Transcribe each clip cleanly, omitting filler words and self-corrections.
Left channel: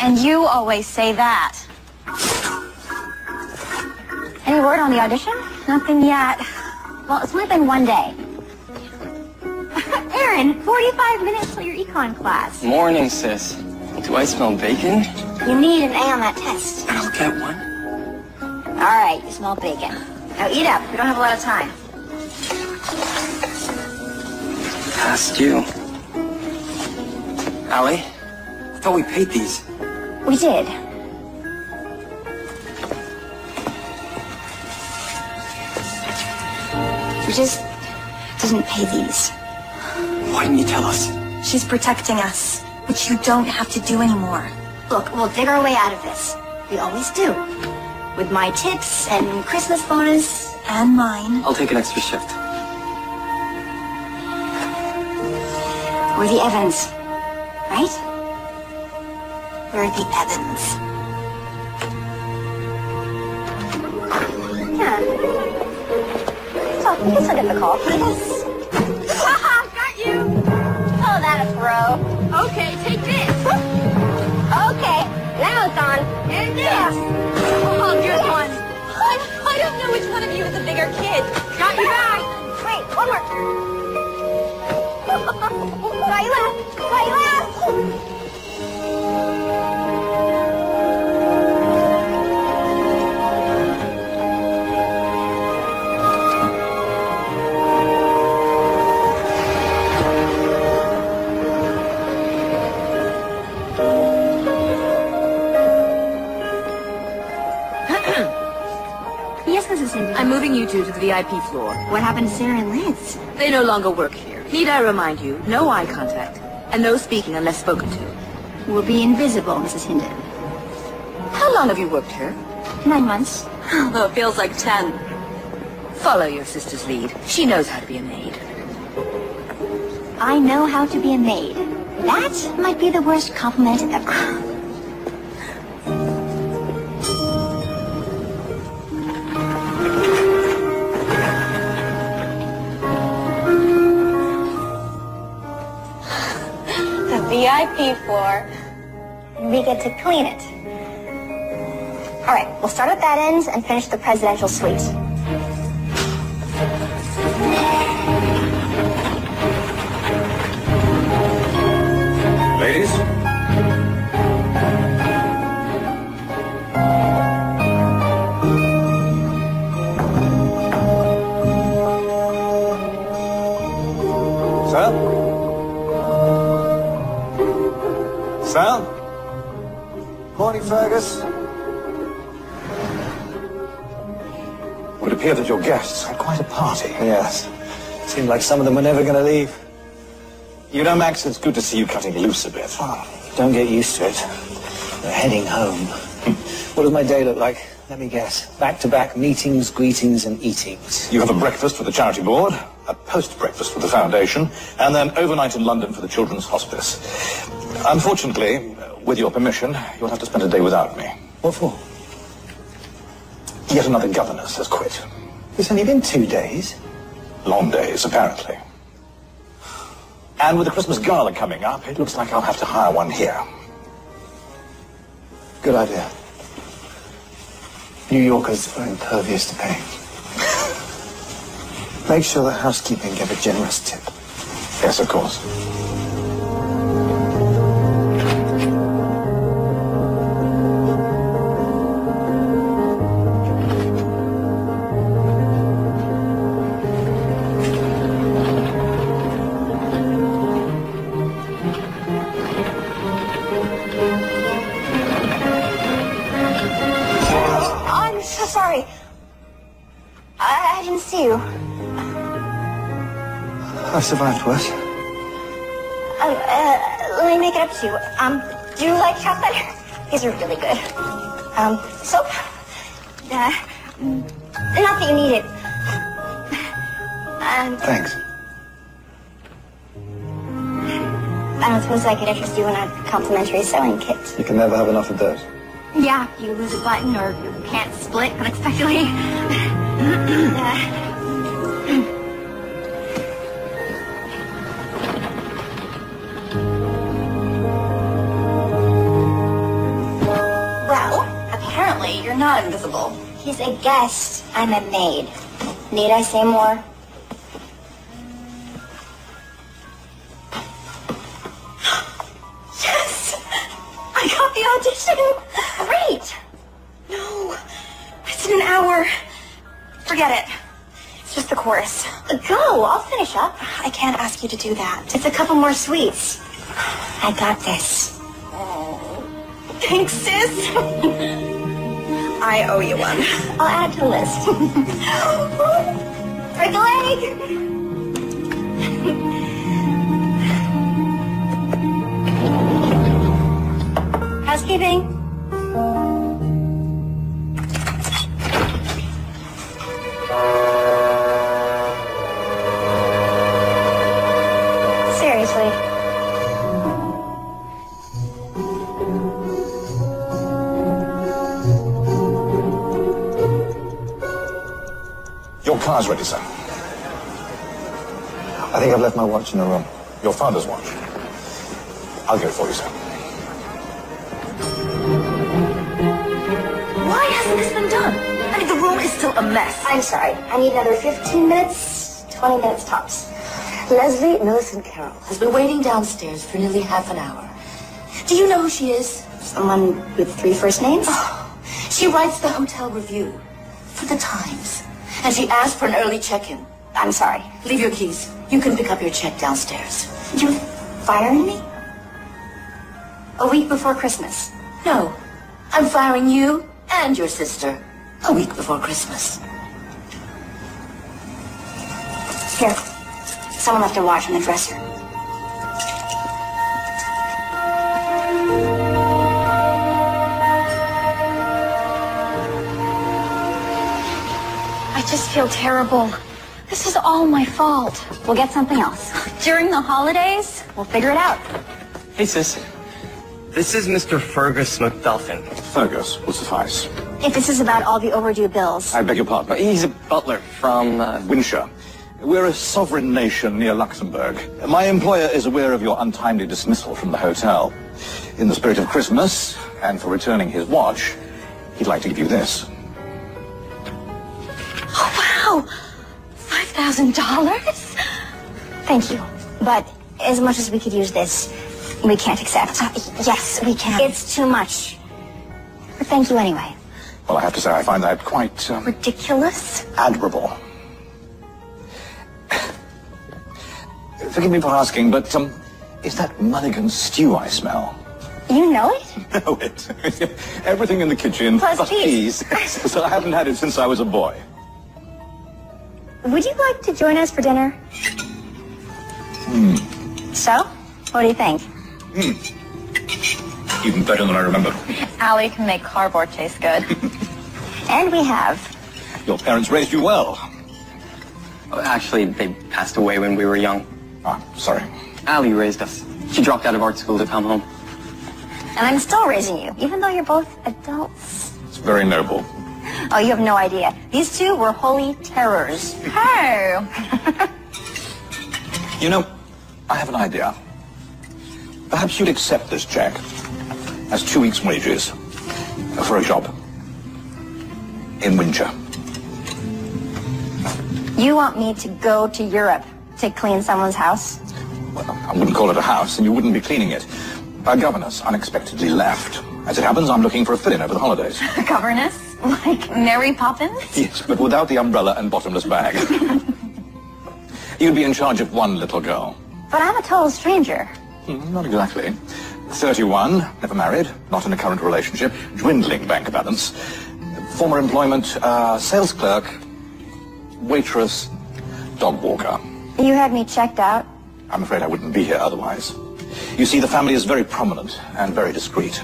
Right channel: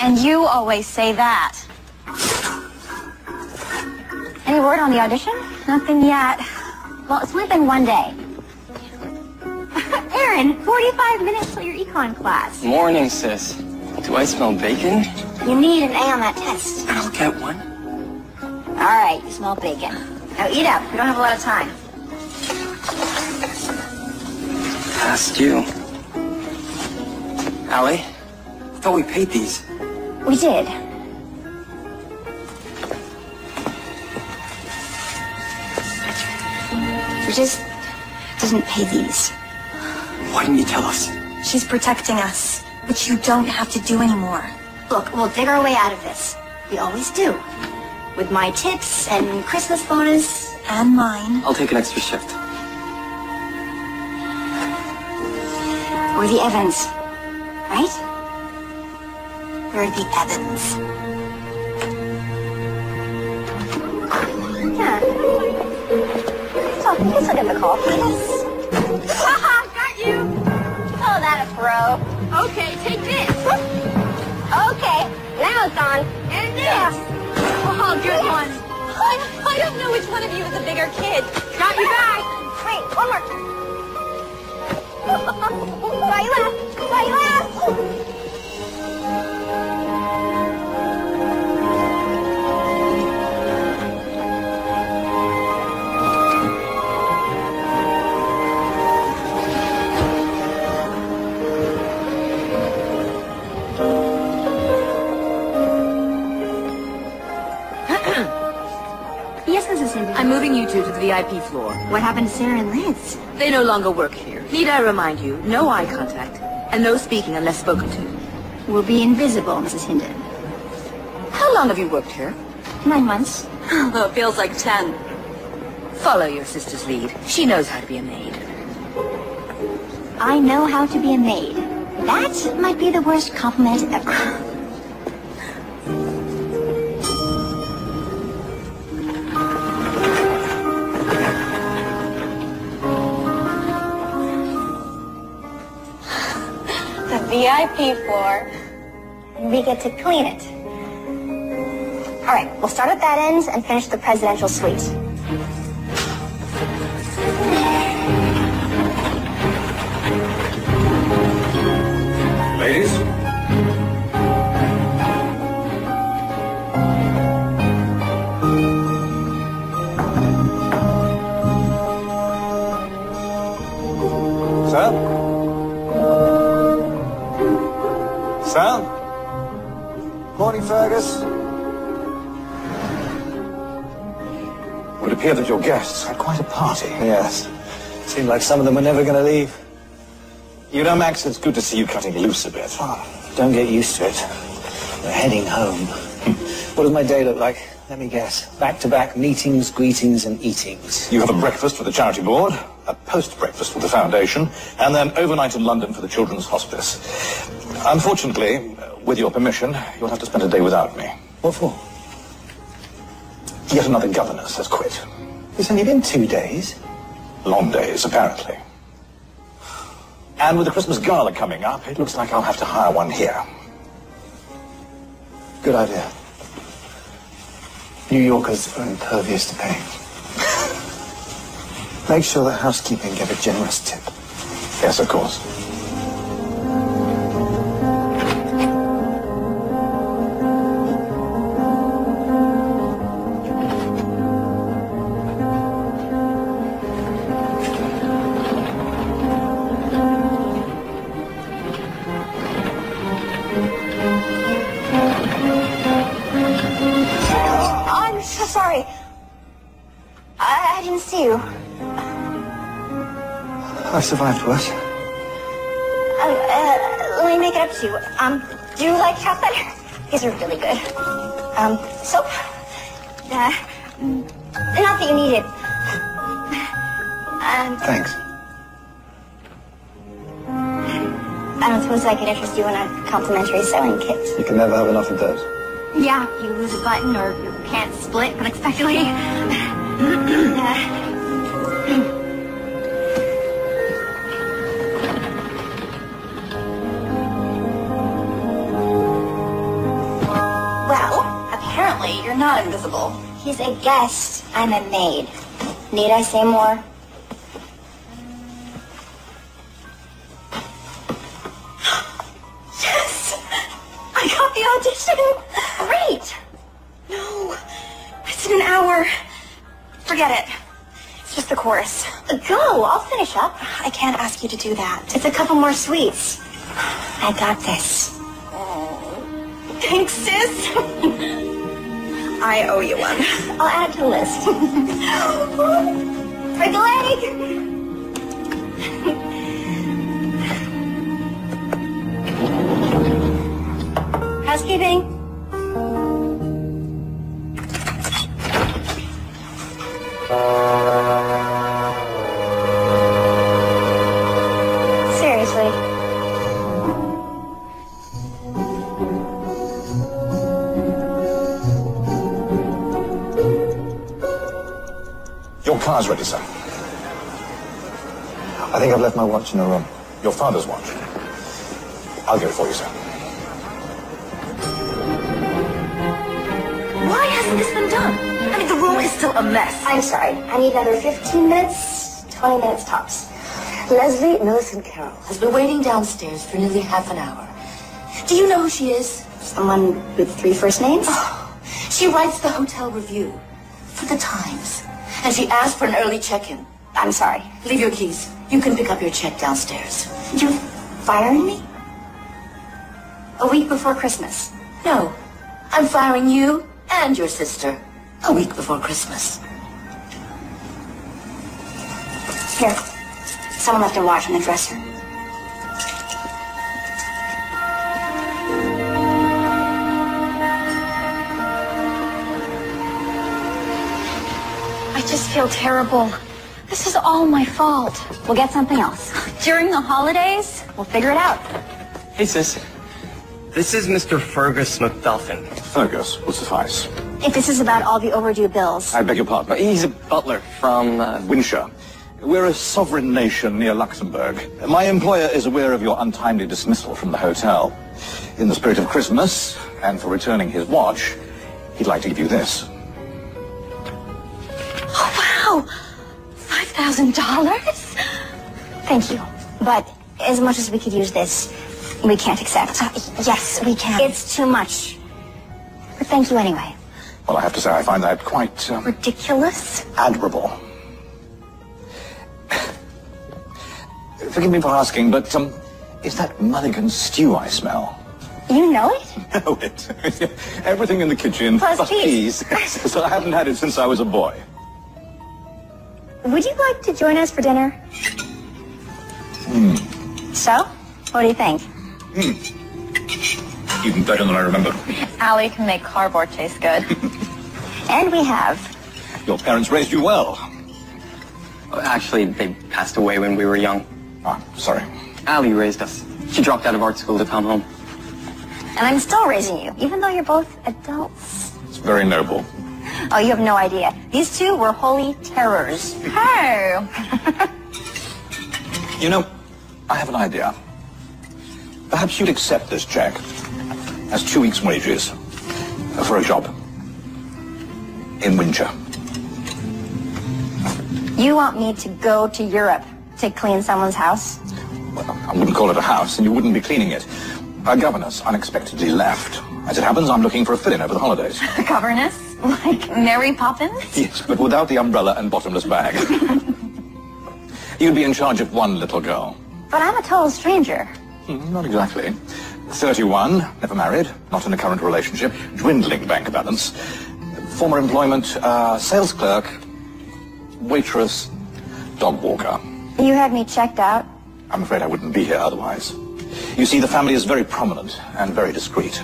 And you always say that. Any word on the audition? Nothing yet. Well, it's within one day. Aaron, 45 minutes till your econ class. Morning, sis. Do I smell bacon? You need an A on that test. I'll get one. All right, you smell bacon. Now eat up. We don't have a lot of time. Past you. Allie, I thought we paid these. We did. We just didn't pay these. Why didn't you tell us? She's protecting us, which you don't have to do anymore. Look, we'll dig our way out of this. We always do. With my tips and Christmas bonus and mine. I'll take an extra shift. We're the Evans, right? We're the Evans. Yeah. It's not difficult. Got you! Oh, that a bro. Okay, take this. Okay, that one's on. And this. Oh, here's one. I don't know which one of you is the bigger kid. Got you back. Wait, one more. Kyla! Kyla! I'm moving you two to the VIP floor. What happened to Sarah and Liz? They no longer work here. Need I remind you, no eye contact, and no speaking unless spoken to. We'll be invisible, Mrs. Hinden. How long have you worked here? 9 months. Oh, it feels like 10. Follow your sister's lead. She knows how to be a maid. I know how to be a maid. That might be the worst compliment ever. VIP floor, and we get to clean it. All right, we'll start at that end and finish the presidential suite. Ladies. Sam? Sal? Morning, Fergus. It would appear that your guests had quite a party. Yes. Seemed like some of them were never going to leave. You know, Max, it's good to see you cutting loose a bit. Oh, don't get used to it. We're heading home. What does my day look like? Let me guess. Back-to-back meetings, greetings, and eatings. You have a breakfast for the charity board, a post-breakfast for the foundation, and then overnight in London for the children's hospice. Unfortunately, with your permission, you'll have to spend a day without me. What for? Yet another governess has quit. It's only been 2 days. Long days, apparently. And with the Christmas gala coming up, it looks like I'll have to hire one here. Good idea. New Yorkers are impervious to pain. Make sure the housekeeping give a generous tip. Yes, of course. Sorry. I didn't see you. I survived worse. Let me make it up to you. Do you like chocolate? These are really good. Soap? Not that you need it. Thanks. I don't suppose I could interest you in a complimentary sewing kit. You can never have enough of those. Yeah, you lose a button or you can't split unexpectedly. not invisible. He's a guest. I'm a maid. Need I say more? Yes! I got the audition! Great! No, it's an hour. Forget it. It's just the chorus. Go, I'll finish up. I can't ask you to do that. It's a couple more sweets. I got this. Thanks, sis. I owe you one. I'll add to the list. Break a leg. Housekeeping. Seriously. Your car's ready, sir. I think I've left my watch in the room. Your father's watch. I'll go for you, sir. Why hasn't this been done? I mean, the room is still a mess. I'm sorry. I need another 15 minutes, 20 minutes tops. Leslie Millicent Carroll has been waiting downstairs for nearly half an hour. Do you know who she is? Someone with 3 first names? Oh, she writes the hotel review for the Times. And she asked for an early check-in. I'm sorry. Leave your keys. You can pick up your check downstairs. You're firing me? A week before Christmas. No, I'm firing you and your sister a week before Christmas. Here. Someone left their watch on the dresser. I just feel terrible. This is all my fault. We'll get something else. During the holidays, we'll figure it out. Hey, sis. This is Mr. Fergus McDuffin. Fergus will suffice. If this is about all the overdue bills. I beg your pardon. He's a butler from, Winshire. We're a sovereign nation near Luxembourg. My employer is aware of your untimely dismissal from the hotel. In the spirit of Christmas, and for returning his watch, he'd like to give you this. Oh, wow! $5,000? Thank you. But as much as we could use this, we can't accept. Yes, we can. It's too much. But thank you anyway. Well, I have to say, I find that quite Ridiculous? admirable. Forgive me for asking, but is that Mulligan stew I smell? You know it? Know it. Everything in the kitchen. Plus peas. So I haven't had it since I was a boy. Would you like to join us for dinner? So? What do you think? Even better than I remember. Allie can make cardboard taste good. And we have. Your parents raised you well. actually, they passed away when we were young. Ah, sorry. Allie raised us. She dropped out of art school to come home. And I'm still raising you, even though you're both adults. It's very noble. Oh, you have no idea. These two were holy terrors. Hey! You know, I have an idea. Perhaps you'd accept this check as 2 weeks' wages for a job in Windsor. You want me to go to Europe to clean someone's house? Well, I wouldn't call it a house, and you wouldn't be cleaning it. My governess unexpectedly left. As it happens, I'm looking for a fill-in over the holidays. Governess? Like Mary Poppins? Yes, but without the umbrella and bottomless bag. You'd be in charge of one little girl. But I'm a total stranger. Not exactly. 31, never married, not in a current relationship, dwindling bank balance. Former employment, sales clerk, waitress, dog walker. You had me checked out. I'm afraid I wouldn't be here otherwise. You see, the family is very prominent and very discreet.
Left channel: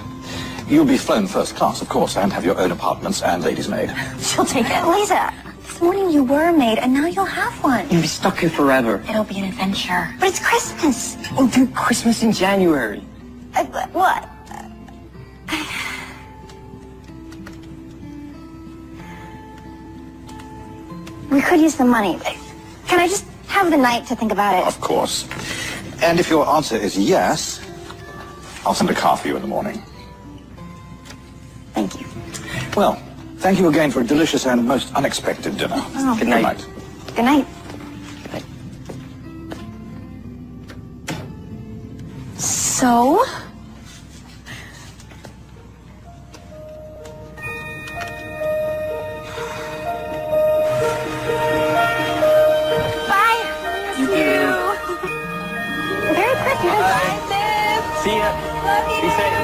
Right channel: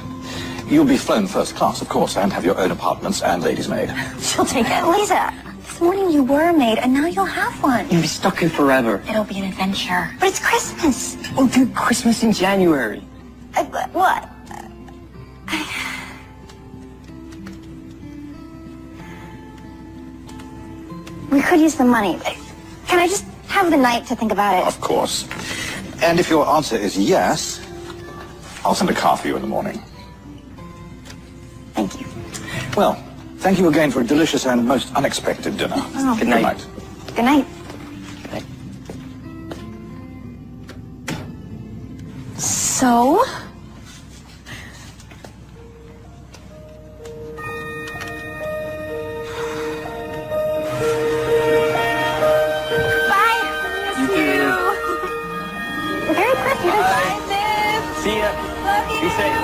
You'll be flown first class, of course, and have your own apartments and ladies' maid. She'll take it. Lisa, this morning you were a maid, and now you'll have one. You'll be stuck here forever. It'll be an adventure. But it's Christmas. Christmas in January. What? We could use the money. Can I just have the night to think about it? Of course. And if your answer is yes, I'll send a car for you in the morning. Thank you. Well, Thank you again for a delicious and most unexpected dinner. Oh. Good night. Good night. So? Bye. Merry Christmas. See ya. Be safe.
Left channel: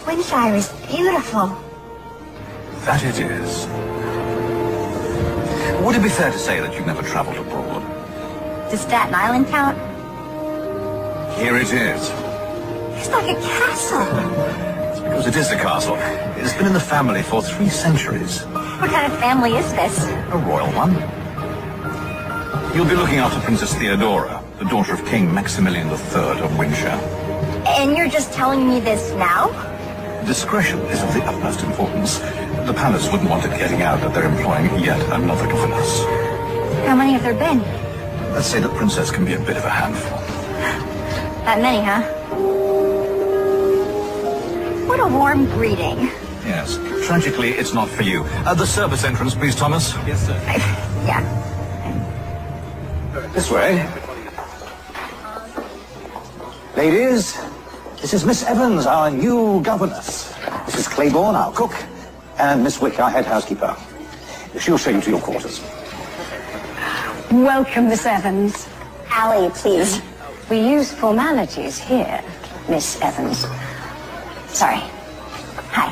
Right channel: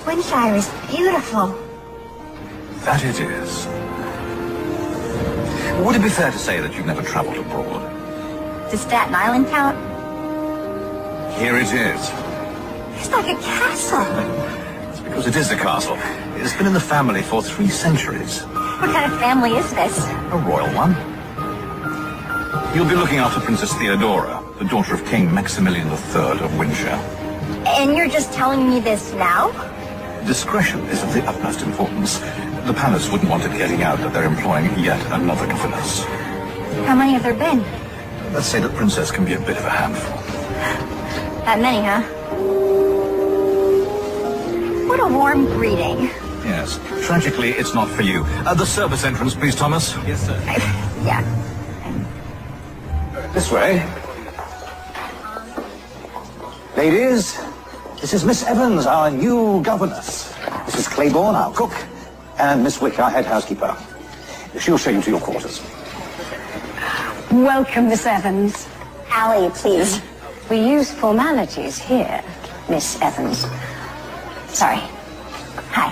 Flintshire is beautiful. That it is. Would it be fair to say that you've never travelled abroad? Does Staten Island count? Here it is. It's like a castle. Because it is a castle. It's been in the family for 3 centuries. What kind of family is this? A royal one. You'll be looking after Princess Theodora, the daughter of King Maximilian III of Windsor. And you're just telling me this now? Discretion is of the utmost importance. The palace wouldn't want it getting out that they're employing yet another governess. How many have there been? Let's say the princess can be a bit of a handful. That many, huh? What a warm greeting. Yes. Tragically, it's not for you. The service entrance, please, Thomas. Yes, sir. Yeah. This way. Ladies, this is Miss Evans, our new governess. Mrs. Claiborne, our cook, and Miss Wick, our head housekeeper. She'll show you to your quarters. Welcome, Miss Evans. Allie, please. We use formalities here, Miss Evans. Sorry. Hi.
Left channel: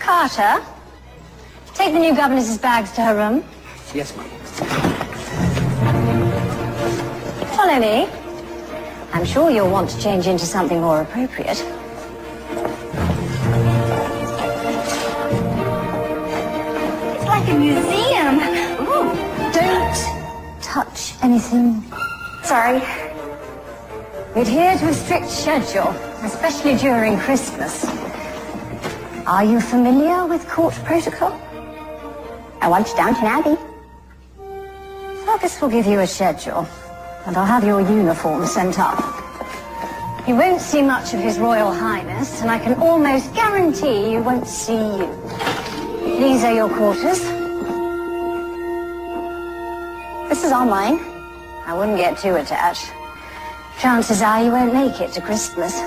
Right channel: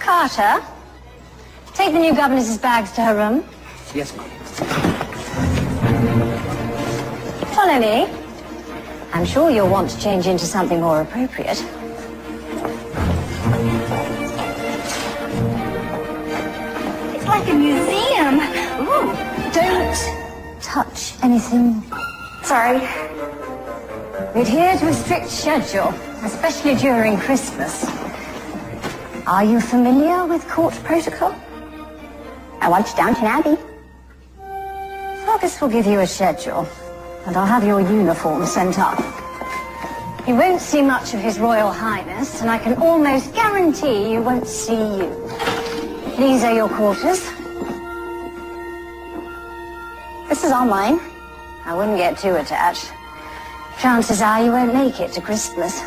Carter, take the new governess's bags to her room. Yes, ma'am. Follow me. I'm sure you'll want to change into something more appropriate. It's like a museum. Oh, don't touch anything. Sorry. We adhere to a strict schedule, especially during Christmas. Are you familiar with court protocol? I watched Downton Abbey. Fergus will give you a schedule, and I'll have your uniform sent up. You won't see much of His Royal Highness, and I can almost guarantee you won't see you. These are your quarters. This is all mine. I wouldn't get too attached. Chances are you won't make it to Christmas.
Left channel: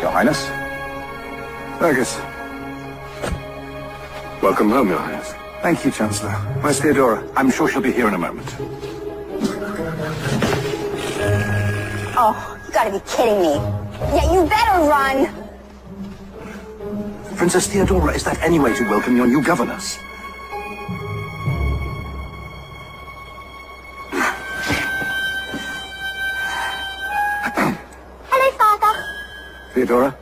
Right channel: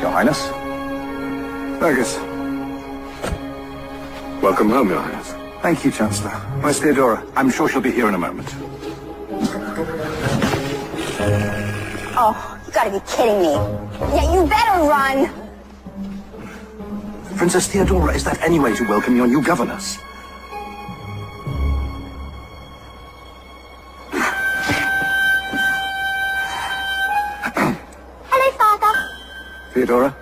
Your Highness. Fergus. Welcome home, Your Highness. Thank you, Chancellor. Where's Theodora? I'm sure she'll be here in a moment. Oh, you gotta be kidding me. Yeah, you better run. Princess Theodora, is that any way to welcome your new governess? Hello, Father. Theodora?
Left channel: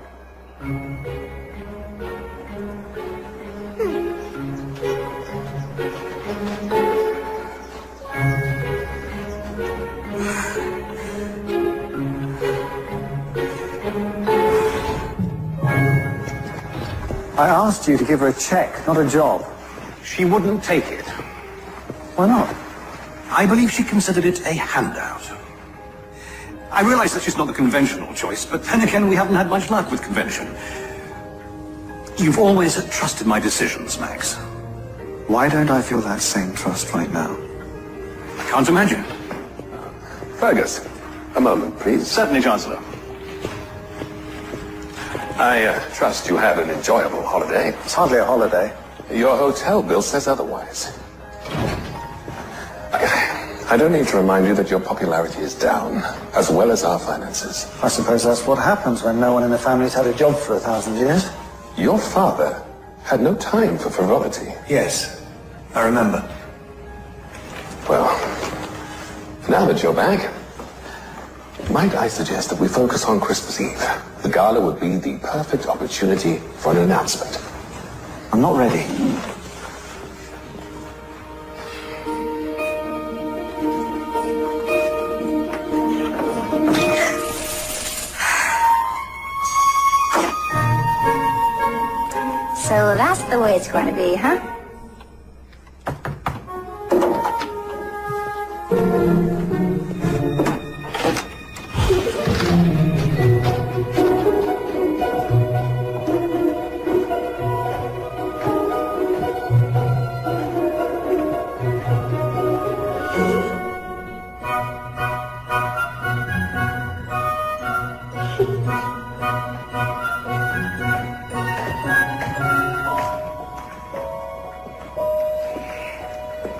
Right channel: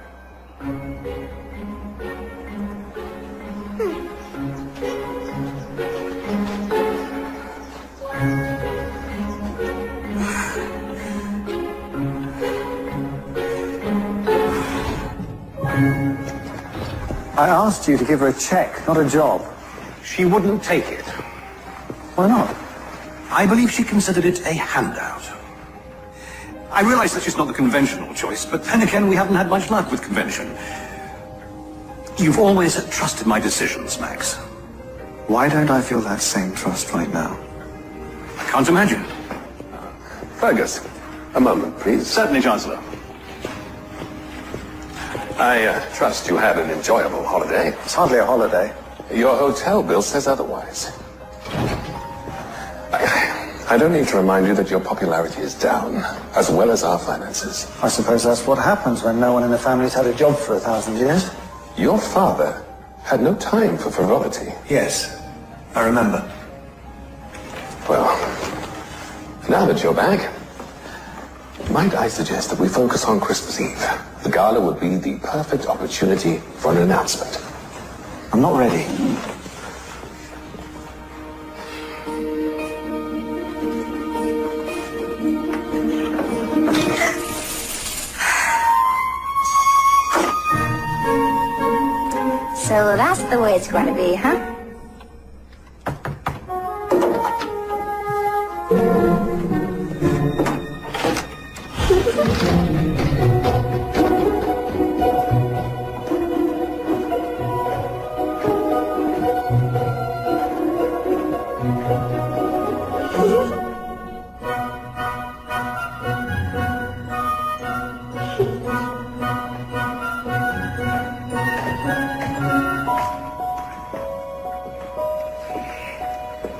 I asked you to give her a check, not a job. She wouldn't take it. Why not? I believe she considered it a handout. I realize that she's not the conventional choice, but then again, we haven't had much luck with convention. You've always trusted my decisions, Max. Why don't I feel that same trust right now? I can't imagine. Fergus, a moment, please. Certainly, Chancellor. I trust you had an enjoyable holiday. It's hardly a holiday. Your hotel bill says otherwise. I don't need to remind you that your popularity is down, as well as our finances. I suppose that's what happens when no one in the family's had a job for 1,000 years. Your father had no time for frivolity. Yes, I remember. Well, now that you're back, might I suggest that we focus on Christmas Eve? The gala would be the perfect opportunity for an announcement. I'm not ready. So that's the way it's going to be, huh?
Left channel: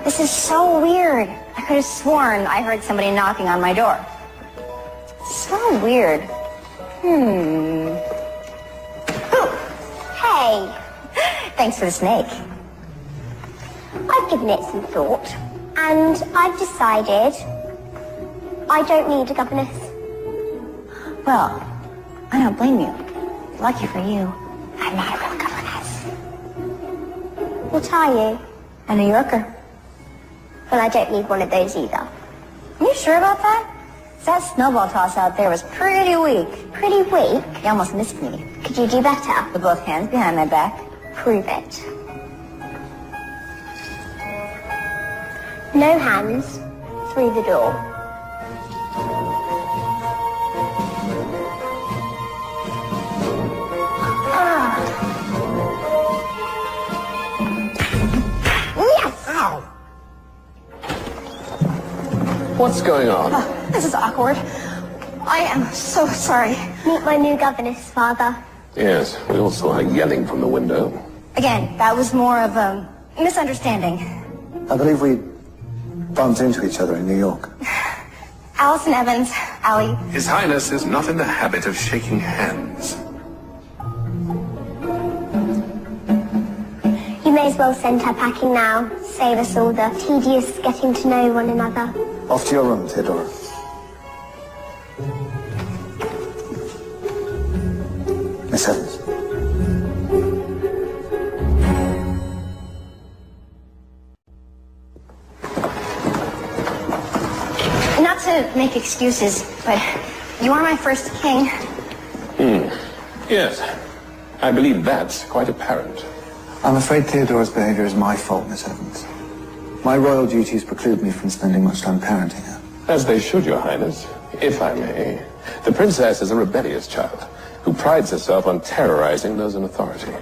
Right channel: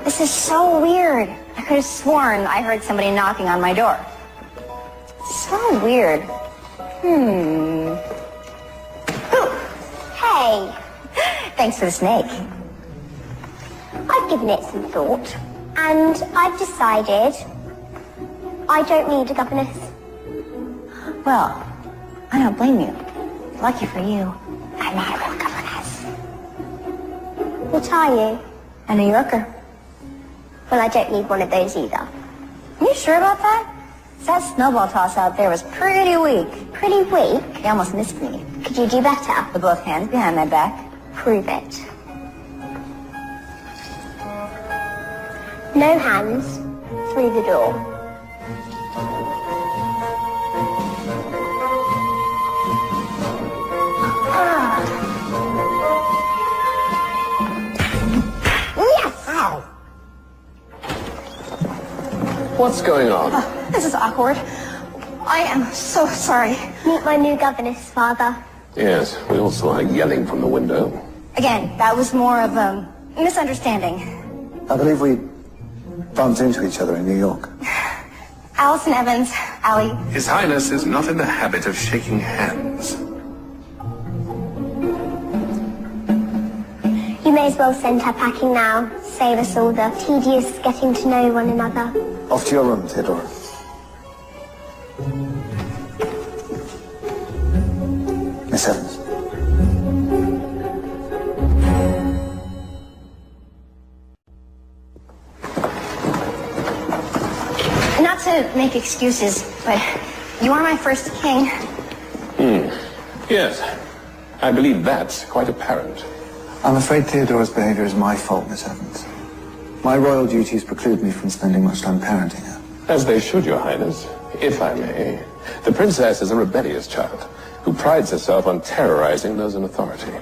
This is so weird. I could have sworn I heard somebody knocking on my door. So weird. Oh, hey. Thanks for the snake. I've given it some thought, and I've decided I don't need a governess. Well, I don't blame you. Lucky for you. I'm not a real governess. What are you? A New Yorker. Well, I don't need one of those either. Are you sure about that? That snowball toss out there was pretty weak. Pretty weak. You almost missed me. Could you do better? With both hands behind my back. Prove it. No hands. Through the door. Yes! Ow! What's going on? Oh, this is awkward. I am so sorry. Meet my new governess, Father. Yes, we all saw her yelling from the window. Again, that was more of a misunderstanding. I believe we bumped into each other in New York. Allison Evans, Allie. His Highness is not in the habit of shaking hands. You may as well send her packing now. Save us all the tedious getting to know one another. Off to your room, Theodore. Miss Evans. Not to make excuses, but you are my first king. Yes, I believe that's quite apparent. I'm afraid Theodore's behavior is my fault, Miss Evans. My royal duties preclude me from spending much time parenting her. As they should, Your Highness. If I may. The princess is a rebellious child who prides herself on terrorizing those in authority.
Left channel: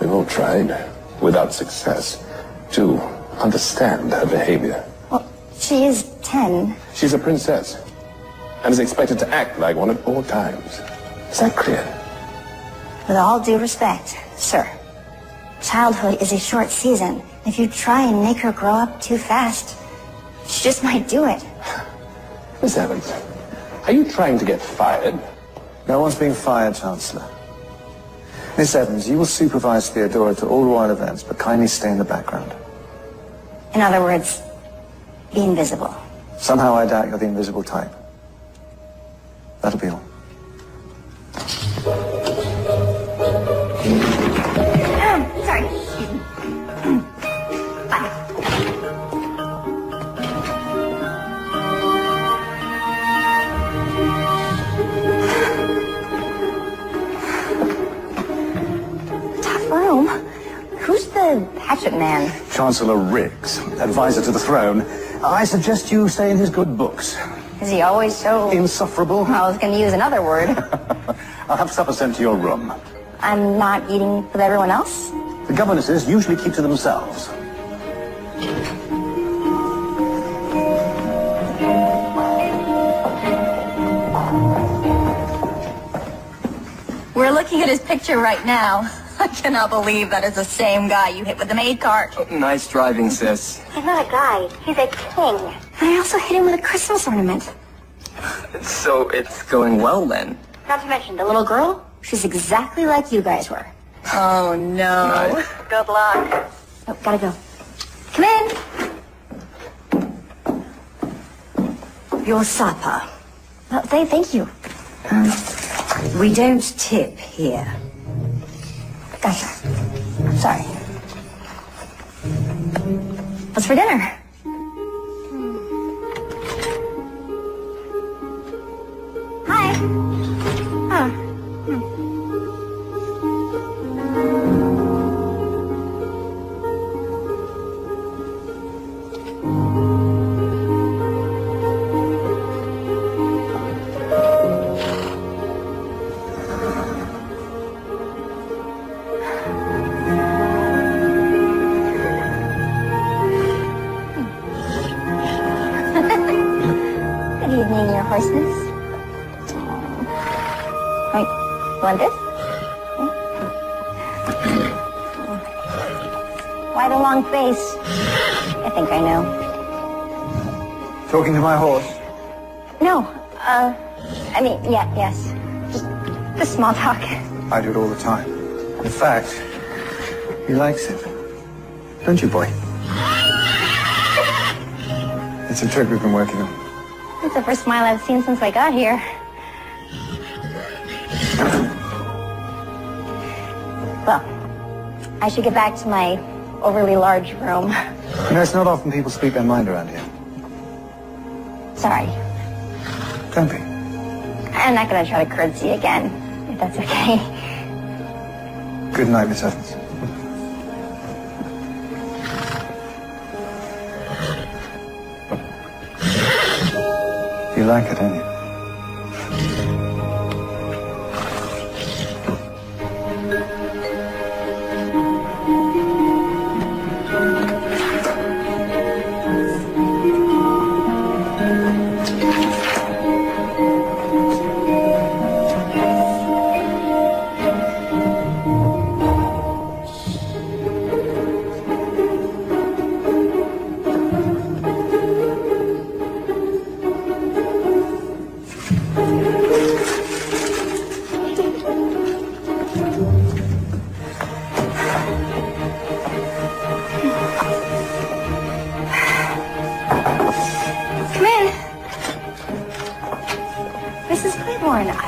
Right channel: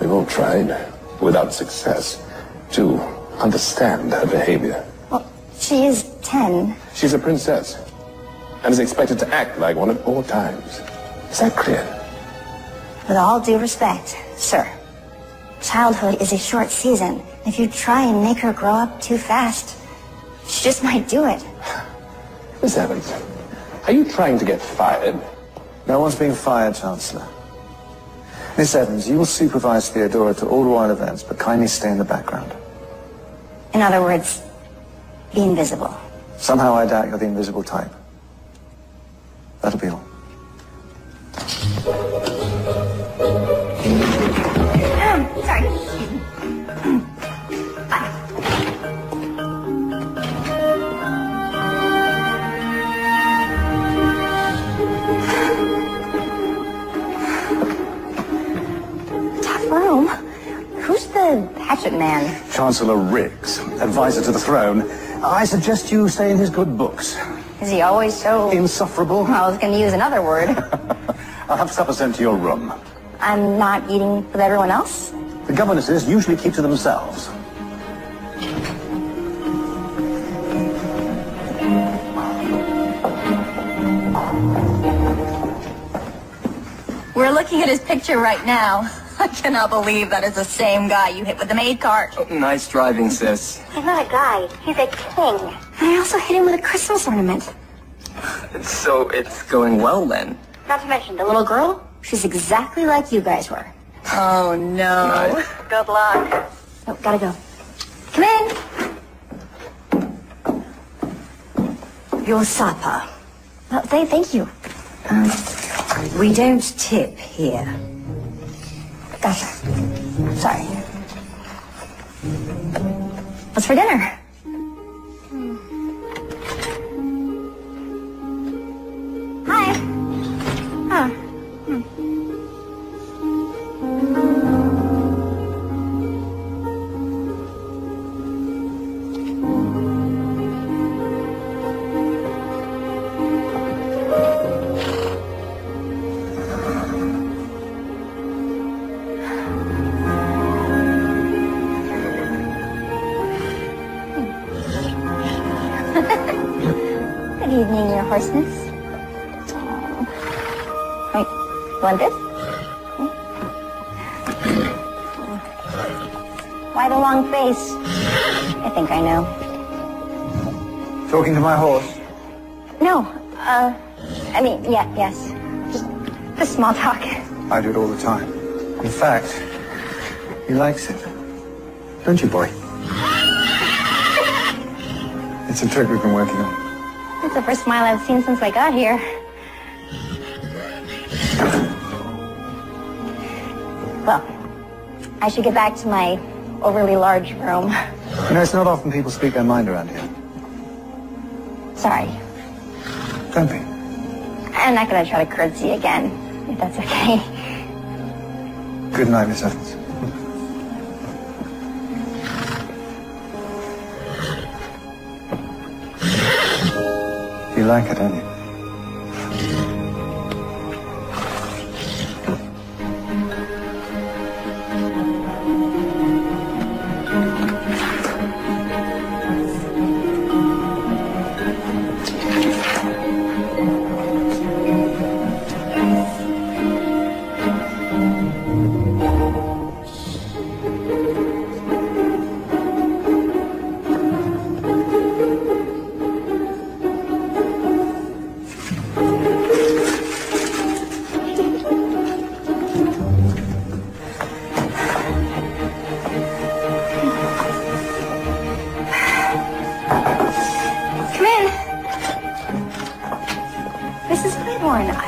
We've all tried, without success, to understand her behavior. She is 10. She's a princess and is expected to act like one at all times. Is that clear? With all due respect, sir, childhood is a short season. If you try and make her grow up too fast, she just might do it. Miss Evans, are you trying to get fired? No one's being fired, Chancellor. Miss Evans, you will supervise Theodora to all royal events, but kindly stay in the background. In other words, be invisible. Somehow I doubt you're the invisible type. That'll be all. Sorry. Tough room. Who's the hatchet man? Chancellor Riggs, advisor to the throne. I suggest you stay in his good books. Is he always so... Insufferable. I was going to use another word. I'll have supper sent to your room. I'm not eating with everyone else? The governesses usually keep to themselves. We're looking at his picture right now. I cannot believe that is the same guy you hit with the maid cart. Nice driving, sis. He's not a guy. He's a king. I also hit him with a Christmas ornament. So it's going well then? Not to mention, the little girl, she's exactly like you guys were. Oh, no. Nice. Good luck. Oh, gotta go. Come in. Your supper. Oh, thank you. We don't tip here. Gotcha. Sorry. What's for dinner? Hi. Oh. Good evening, your horses. Wait, you want this? Why the long face? I think I know. Talking to my horse. No, I mean, yes. Just small talk. I do it all the time. In fact, he likes it. Don't you, boy? It's a trick you've been working on. That's the first smile I've seen since I got here. Well, I should get back to my overly large room. You know, it's not often people speak their mind around here. Sorry. Don't be. I'm not gonna try to curtsy again, if that's okay. Good night, Miss Evans. You like it, don't you?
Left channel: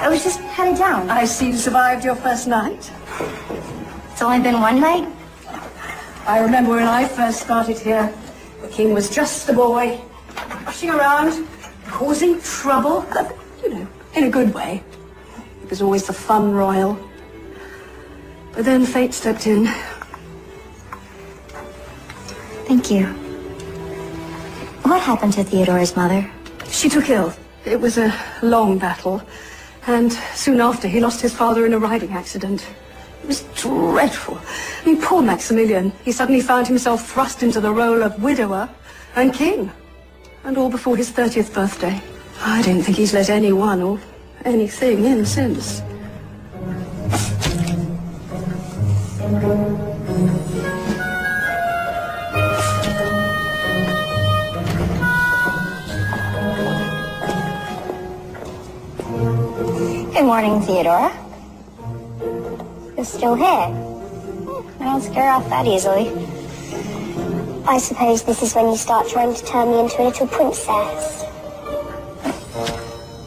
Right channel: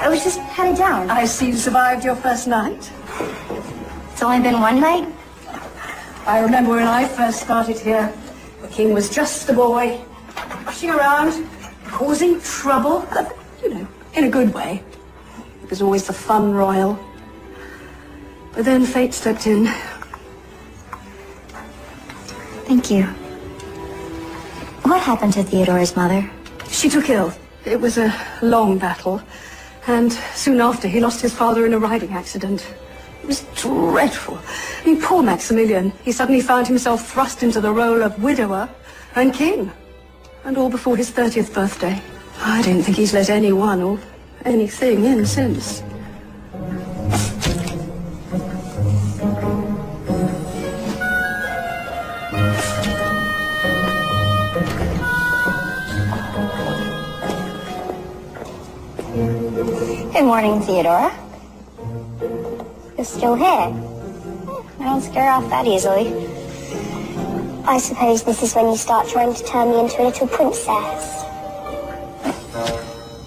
I was just headed down. I see you survived your first night. It's only been one night. I remember when I first started here, the king was just the boy, rushing around, causing trouble, you know, in a good way. It was always the fun royal. But then fate stepped in. Thank you. What happened to Theodore's mother? She took ill. It was a long battle. And soon after, he lost his father in a riding accident. It was dreadful. And poor Maximilian, he suddenly found himself thrust into the role of widower and king. And all before his 30th birthday. I don't think he's let anyone or anything in since. Good morning, Theodora. You're still here. I don't scare off that easily. I suppose this is when you start trying to turn me into a little princess.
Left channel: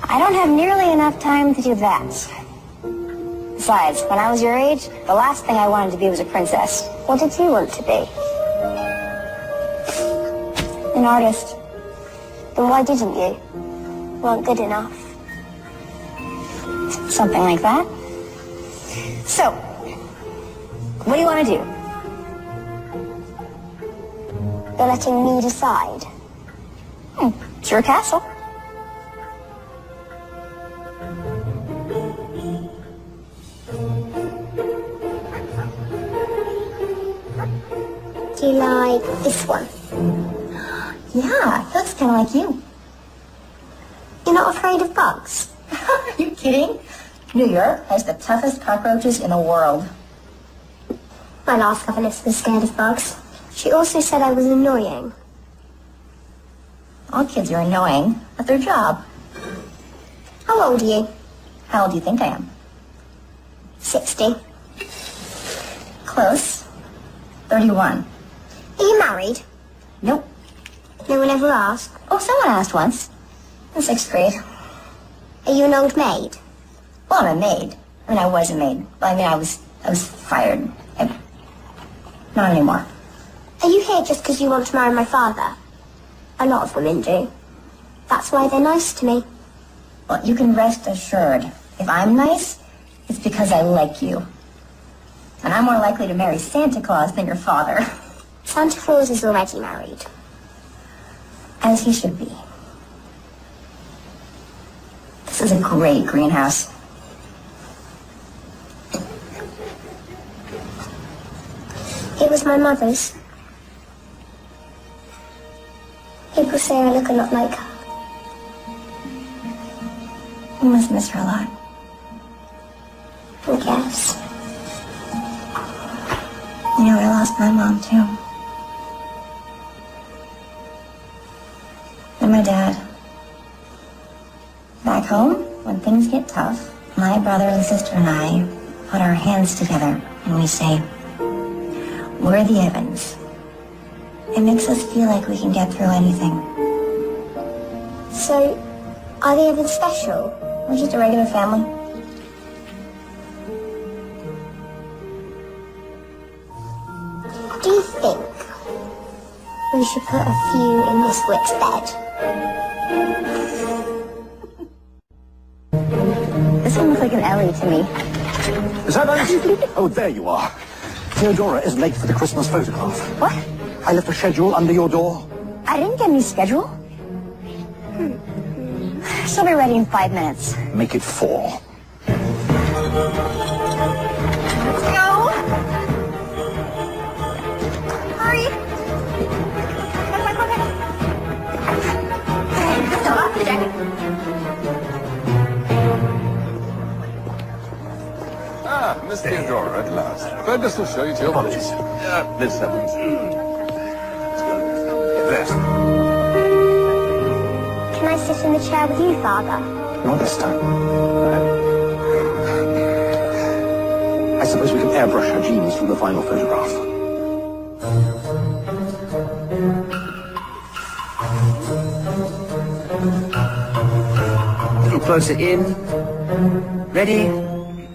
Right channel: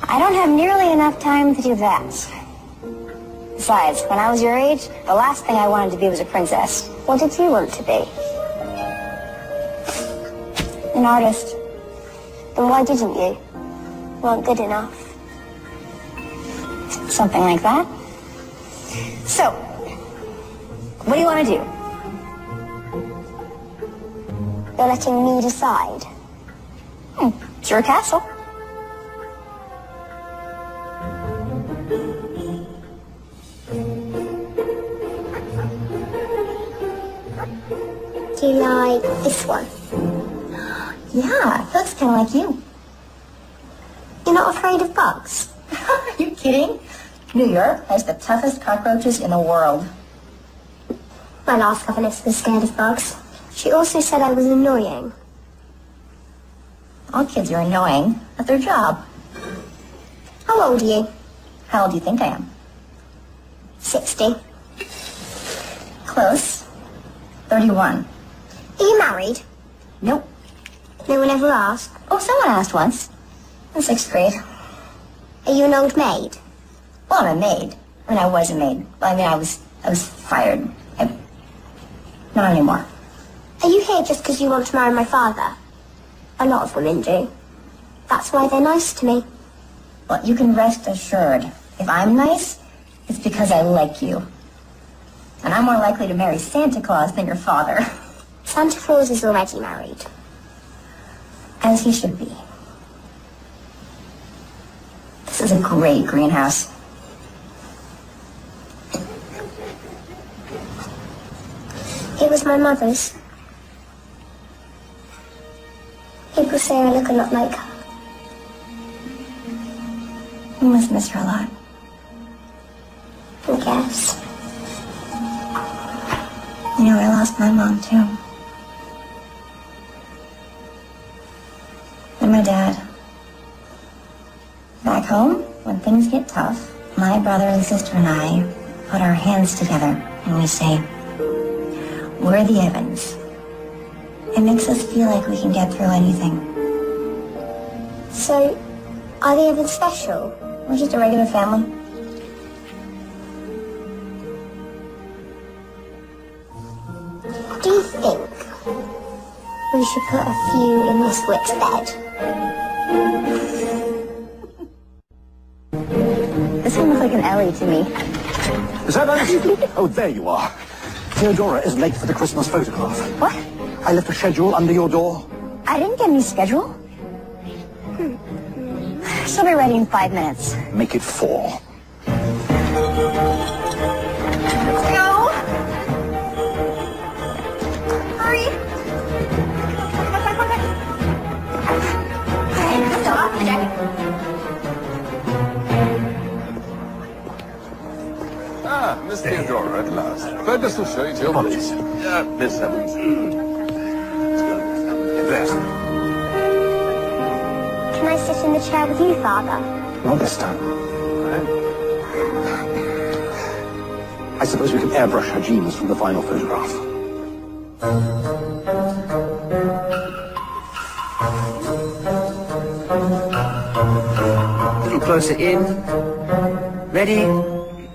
I don't have nearly enough time to do that. Besides, when I was your age, the last thing I wanted to be was a princess. What did you want to be? An artist. Then why didn't you? Weren't good enough. Something like that. So, what do you want to do? You're letting me decide. It's your castle. Do you like this one? Yeah, looks kind of like you. You're not afraid of bugs? Are you kidding? New York has the toughest cockroaches in the world. My last governess was scared of bugs. She also said I was annoying. All kids are annoying. That's their job. How old are you? How old do you think I am? 60. Close. 31. Are you married? Nope. No one ever asked? Oh, someone asked once. In 6th grade. Are you an old maid? Well, I'm a maid. I mean, I was a maid. But I mean, I was fired. Not anymore. Are you here just because you want to marry my father? A lot of women do. That's why they're nice to me. Well, you can rest assured. If I'm nice, it's because I like you. And I'm more likely to marry Santa Claus than your father. Santa Claus is already married. As he should be. This is a great greenhouse. It was my mother's. People say I look a lot like her. You must miss her a lot. I guess. You know, I lost my mom, too. And my dad. Back home, when things get tough, my brother and sister and I put our hands together and we say, we're the Evans. It makes us feel like we can get through anything. So, are they even special? We're just a regular family. Do you think we should put a few in Miss Wick's bed? This one looks like an Ellie to me. Is that us? Oh, there you are. Theodora is late for the Christmas photograph. What? I left a schedule under your door. I didn't get any schedule. She'll be ready in 5 minutes. Make it 4. Hurry! Ah, Miss Theodora at last. Fergus will show you to your place. Miss Evans. Yes. Can I sit in the chair with you, Father? Not this time. I suppose we can airbrush your genes from the final photograph. Looking closer in. Ready?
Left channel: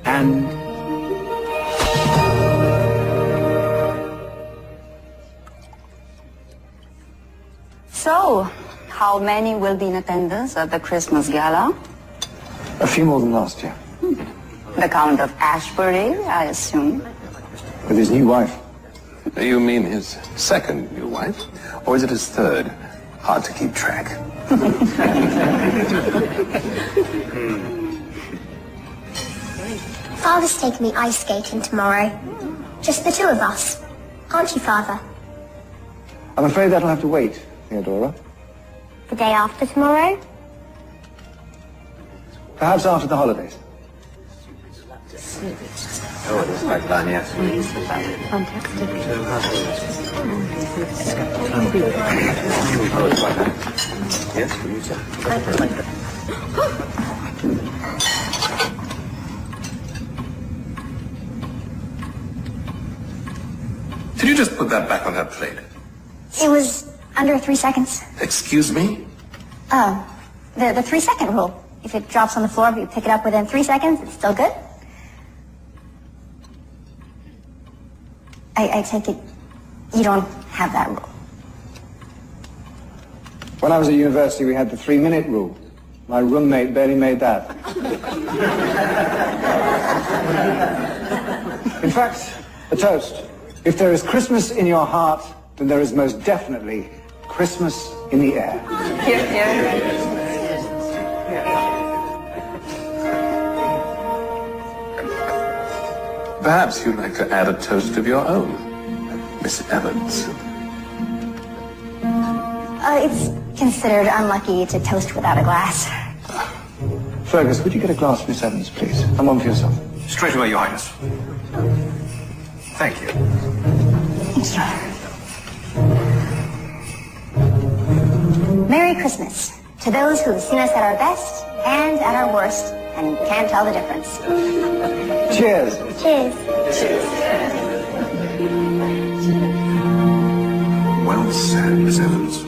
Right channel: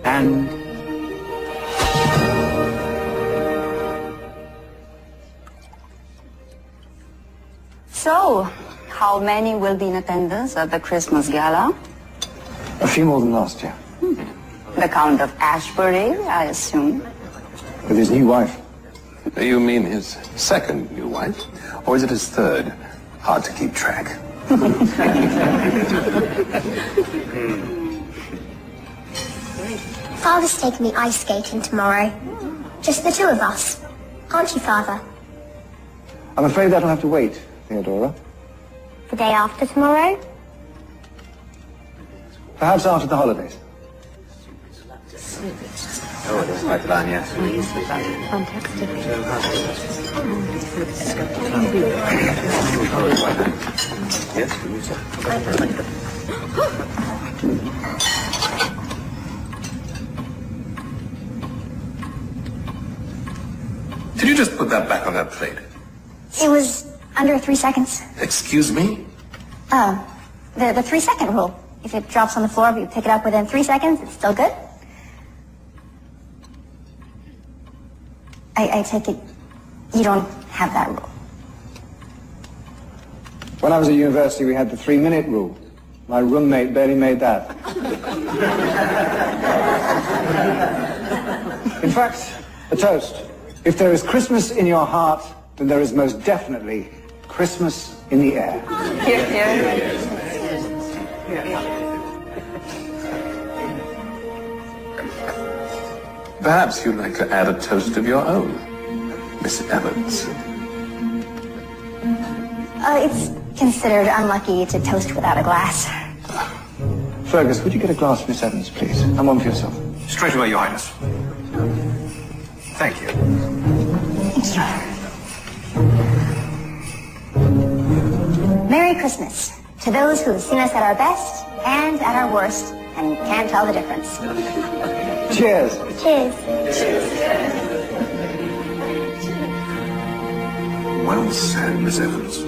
And... So, how many will be in attendance at the Christmas gala? A few more than last year. The Count of Ashbury, I assume. With his new wife. You mean his second new wife? Or is it his third? Hard to keep track. Father's taking me ice skating tomorrow. Just the 2 of us. Aren't you, Father? I'm afraid that'll have to wait, Theodora. The day after tomorrow? Perhaps after the holidays. Oh, it is like that, yes. Fantastic. Did you just put that back on that plate? It was under 3 seconds. Excuse me? The 3-second rule. If it drops on the floor, if you pick it up within 3 seconds, it's still good. I take it you don't have that. When I was at university, we had the 3-minute rule. My roommate barely made that. In fact, a toast. If there is Christmas in your heart, then there is most definitely Christmas in the air. Perhaps you'd like to add a toast of your own, Miss Evans. It's considered unlucky to toast without a glass. Fergus, would you get a glass for Miss Evans, please? And one for yourself. Straight away, Your Highness. Thank you. Thank you. Merry Christmas to those who have seen us at our best and at our worst and can't tell the difference. Cheers. Cheers. Well said, Miss Evans.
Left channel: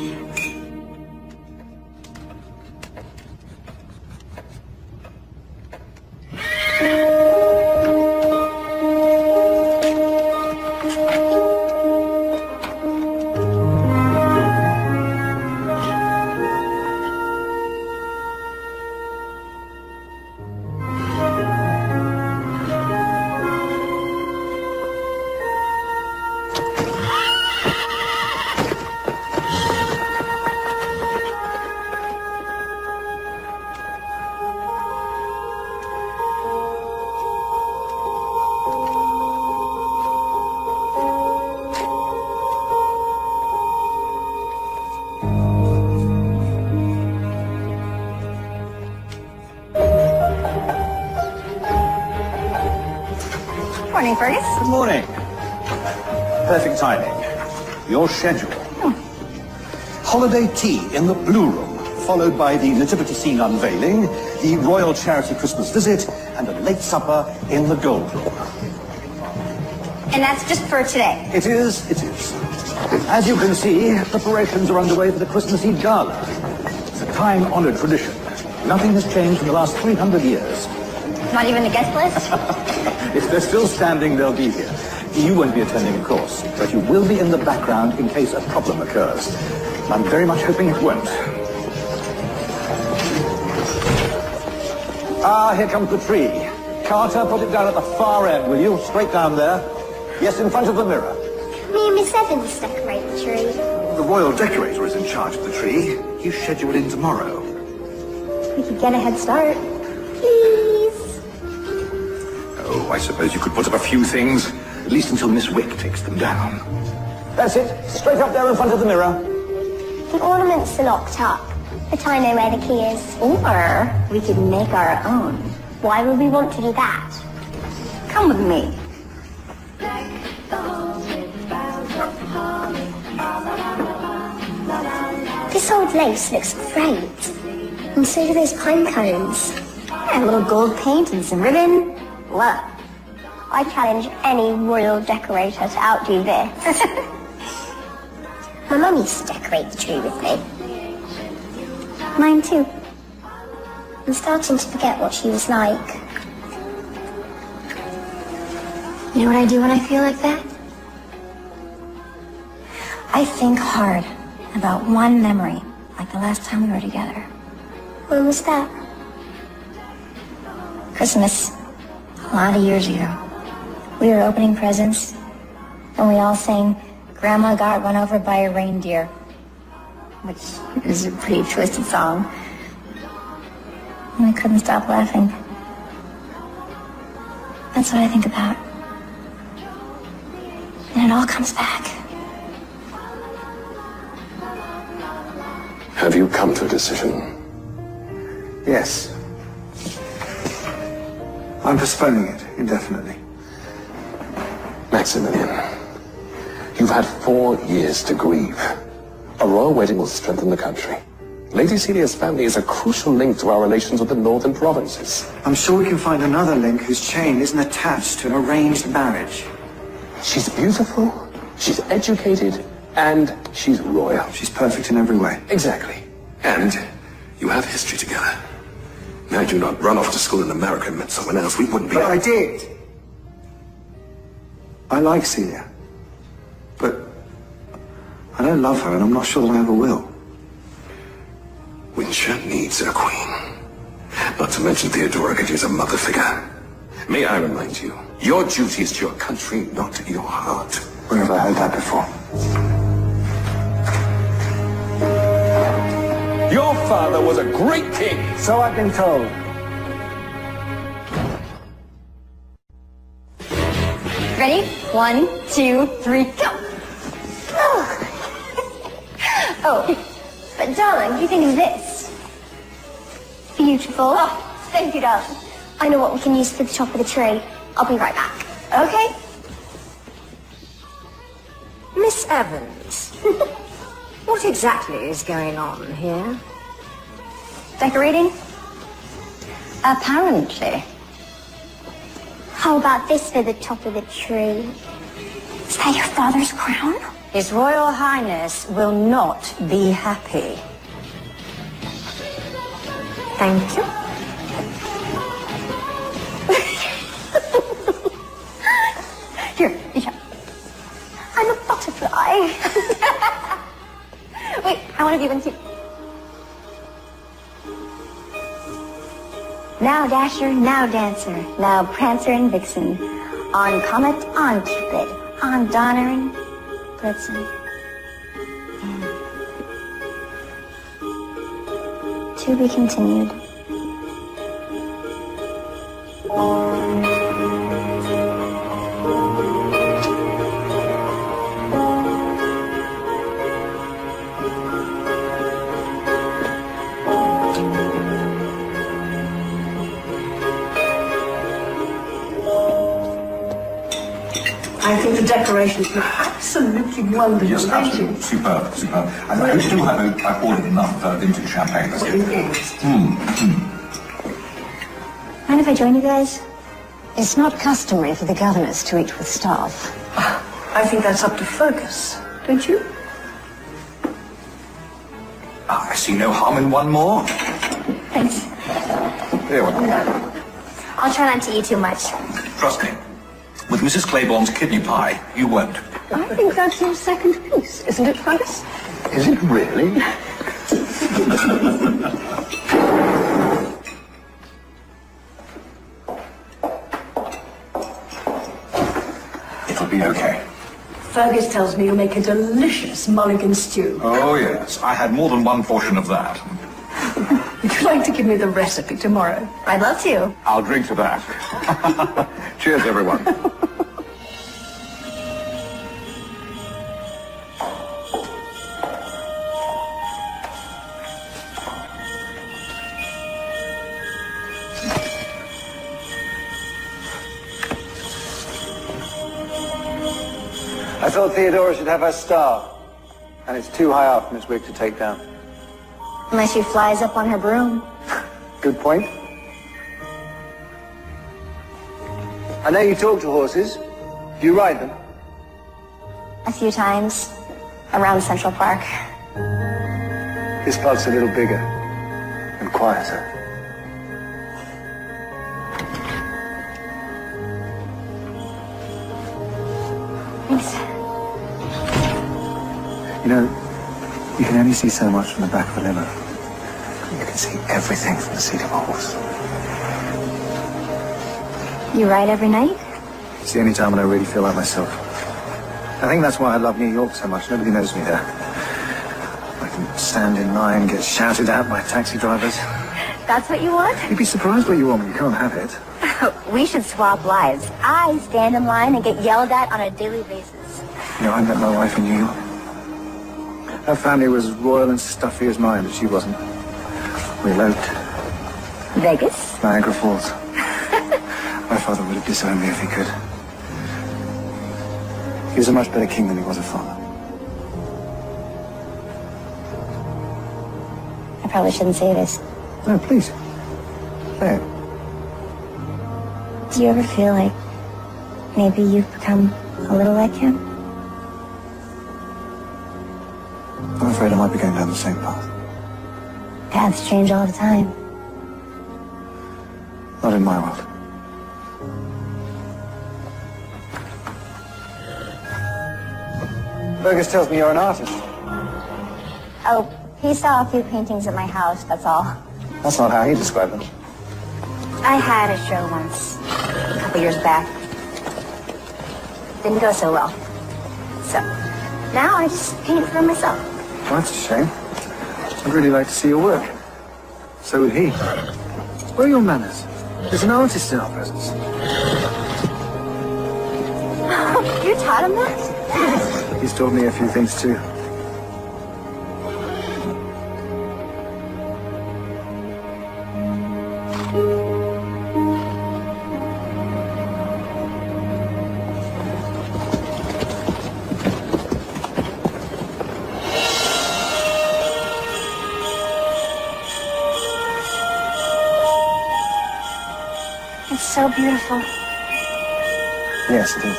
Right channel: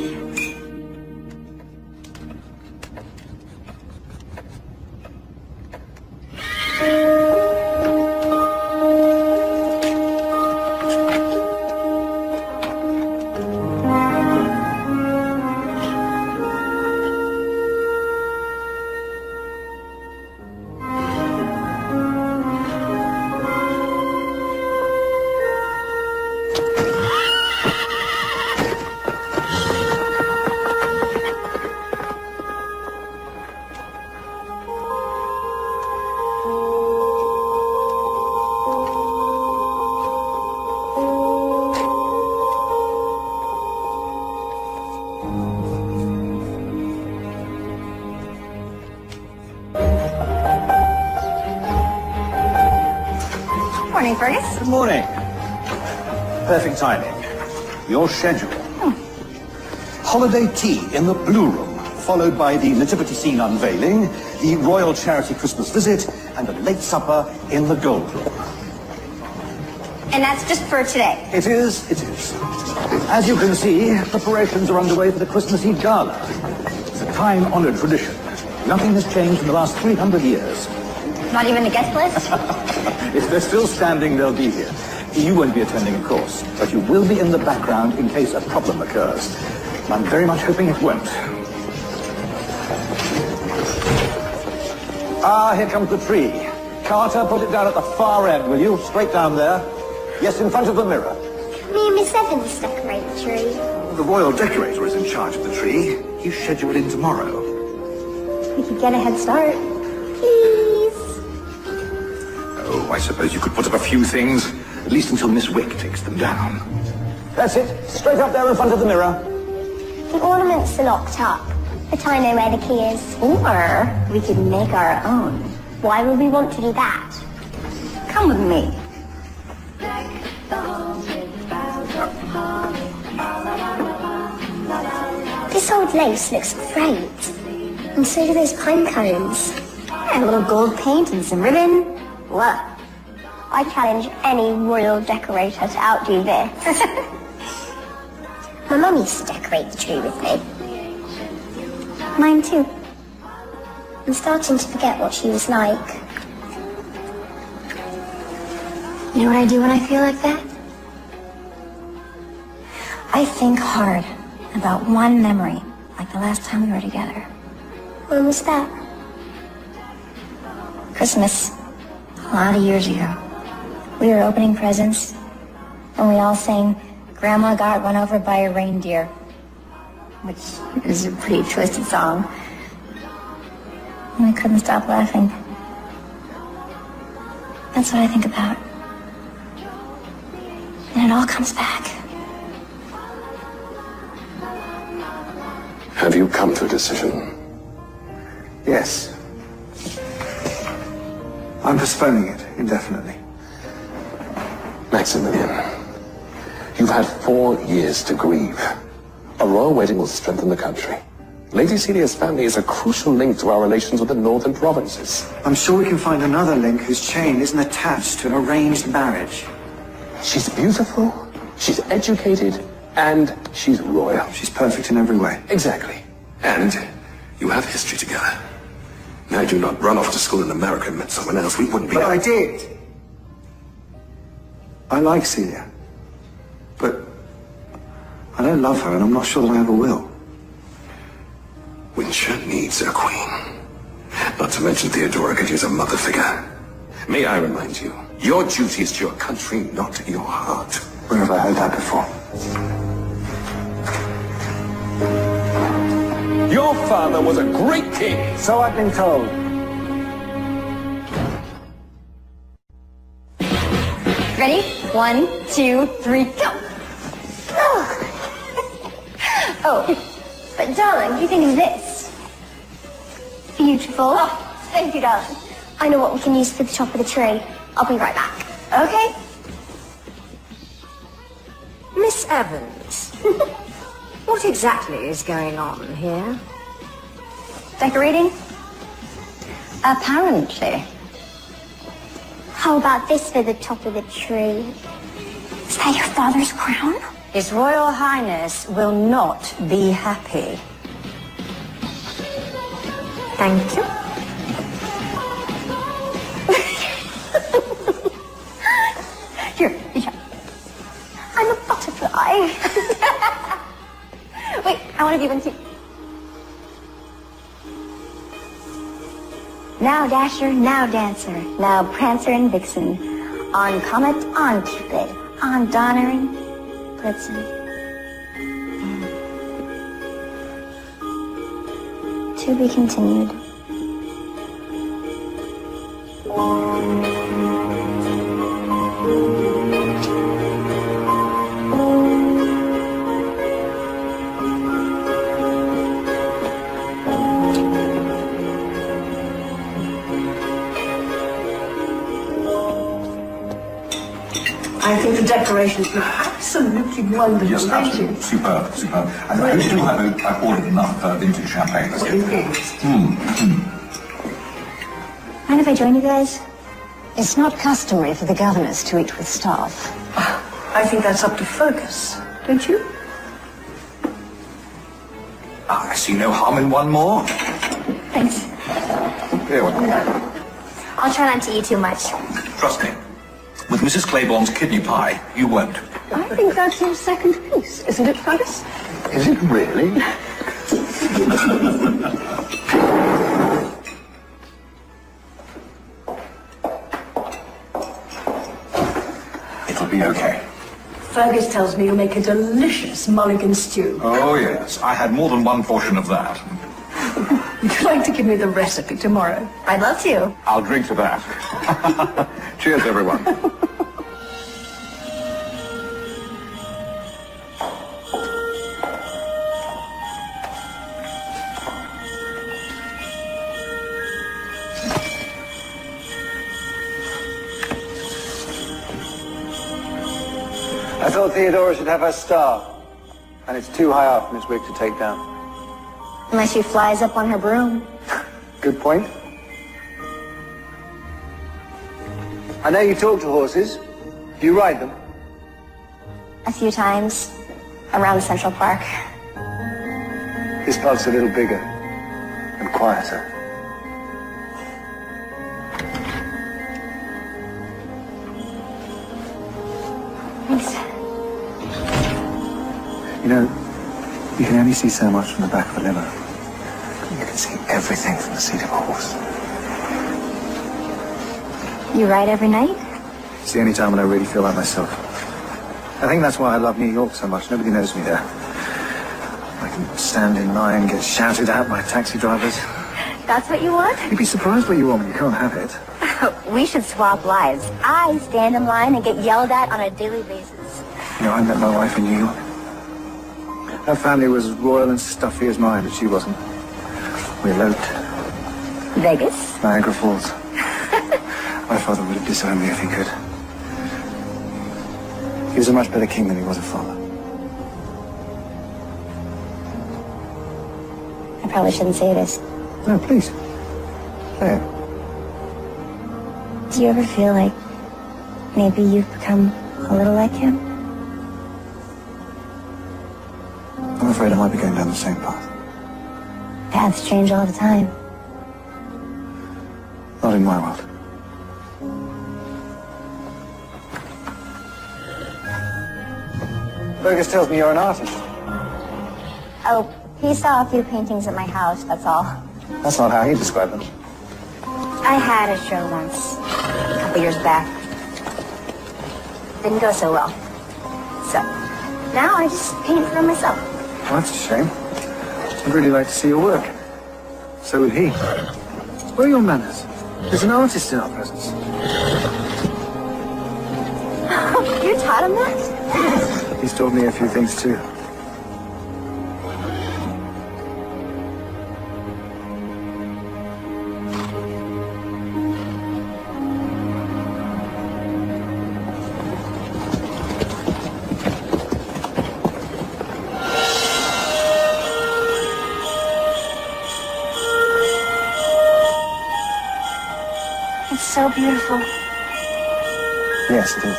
Morning, Fergus. Good morning. Perfect timing. Your schedule. Holiday tea in the Blue Room, followed by the nativity scene unveiling, the Royal Charity Christmas visit, and a late supper in the Gold Room. And that's just for today. It is. As you can see, preparations are underway for the Christmas Eve Gala. It's a time-honored tradition. Nothing has changed in the last 300 years. Not even the guest list? If they're still standing, they'll be here. You won't be attending, of course, but you will be in the background in case a problem occurs. I'm very much hoping it won't. Ah, here comes the tree. Carter, put it down at the far end, will you? Straight down there. Yes, in front of the mirror. Me and Miss Evans decorate the tree. The royal decorator is in charge of the tree. He's scheduled in tomorrow. We could get a head start. Please. Oh, I suppose you could put up a few things, at least until Miss Wick takes them down. That's it. Straight up there in front of the mirror. The ornaments are locked up, but I know where the key is. Or we could make our own. Why would we want to do that? Come with me. This old lace looks great. And so do those pine cones. Yeah, a little gold paint and some ribbon. Look, I challenge any royal decorator to outdo this. My mum used to decorate the tree with me. Mine too. I'm starting to forget what she was like. You know what I do when I feel like that? I think hard about one memory, like the last time we were together. When was that? Christmas. A lot of years ago. We were opening presents, and we all sang Grandma Got Run Over by a Reindeer, which is a pretty twisted song. And I couldn't stop laughing. That's what I think about. And it all comes back. Have you come to a decision? Yes. I'm postponing it indefinitely. Maximilian, you've had 4 years to grieve. A royal wedding will strengthen the country. Lady Celia's family is a crucial link to our relations with the northern provinces. I'm sure we can find another link whose chain isn't attached to an arranged marriage. She's beautiful, she's educated, and she's royal. She's perfect in every way. Exactly. And you have history together. Had you not run off to school in America and met someone else, we wouldn't be... But I did. I like Celia. But I don't love her, and I'm not sure that I ever will. Winshire needs a queen. Not to mention Theodora could use a mother figure. May I remind you, your duty is to your country, not your heart. Where have I heard that before? Your father was a great king. So I've been told. Ready? 1, 2, 3, go! Oh, but darling, what do you think of this? Beautiful. Oh, thank you, darling. I know what we can use for the top of the tree. I'll be right back. Okay. Miss Evans, what exactly is going on here? Decorating? Apparently. How about this for the top of the tree? Is that your father's crown? His Royal Highness will not be happy. Thank you. Here. I'm a butterfly. Wait, I want to give them to you. Now Dasher, now Dancer, now Prancer and Vixen. On Comet, on Cupid, on Donner and Blitzen. To be continued. I think the decorations look absolutely wonderful. Thank you. Superb, superb. I still have I've ordered enough vintage champagne. Mind if I join you guys? It's not customary for the governors to eat with staff. I think that's up to Fergus, don't you? I see no harm in one more. Thanks. Here. I'll try not to eat too much. Trust me. With Mrs. Claiborne's kidney pie, you won't. I think that's your second piece, isn't it, Fergus? Is it really? It'll be okay. Fergus tells me you make a delicious mulligan stew. Oh, yes. I had more than one portion of that. Would you like to give me the recipe tomorrow? I'd love to. I'll drink to that. Cheers, everyone. I thought Theodora should have her star. And it's too high up, Miss Wig, to take down. Unless she flies up on her broom. Good point. I know you talk to horses. Do you ride them? A few times around Central Park. This park's a little bigger and quieter. Thanks. You know, you can only see so much from the back of a limo. You can see everything from the seat of a horse. You ride every night? It's the only time when I really feel like myself. I think that's why I love New York so much. Nobody knows me there. I can stand in line, get shouted at by taxi drivers. That's what you want? You'd be surprised what you want when you can't have it. We should swap lives. I stand in line and get yelled at on a daily basis. No, I met my wife in New York. Her family was as royal and stuffy as mine, but she wasn't. We went. Vegas? Niagara Falls. My father would have disowned me if he could. He was a much better king than he was a father. I probably shouldn't say this. No, please. Hey. Do you ever feel like maybe you've become a little like him? I'm afraid I might be going down the same path. Paths change all the time. Not in my world. Fergus tells me you're an artist. Oh, he saw a few paintings at my house, that's all. That's not how he described them. I had a show once, a couple years back. Didn't go so well. So, now I just paint for myself. Well, that's a shame. I'd really like to see your work. So would he. Where are your manners? There's an artist in our presence. You taught him that? He's taught me a few things too. Yes, it is.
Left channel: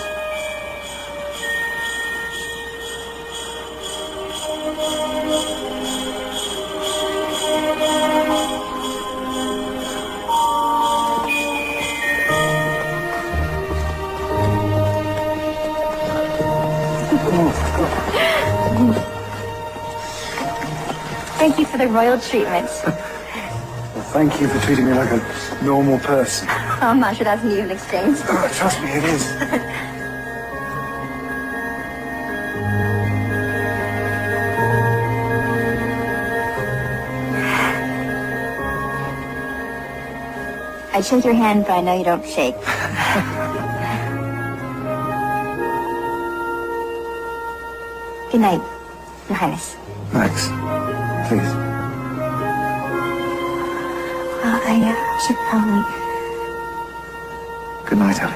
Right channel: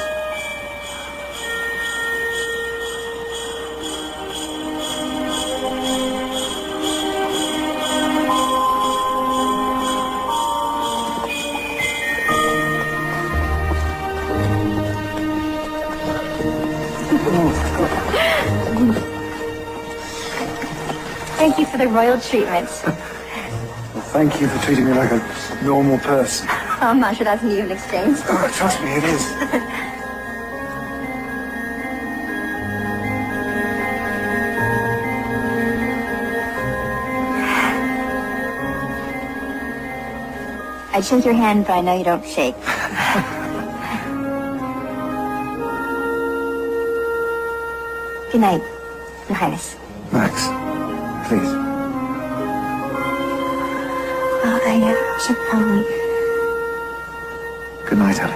Thank you for the royal treatment. Thank you for treating me like a normal person. I'm not sure that's an even exchange. Oh, trust me, it is. I shake your hand, but I know you don't shake. Good night, Your Highness. Max, please. I never should only. Good night, Ellie.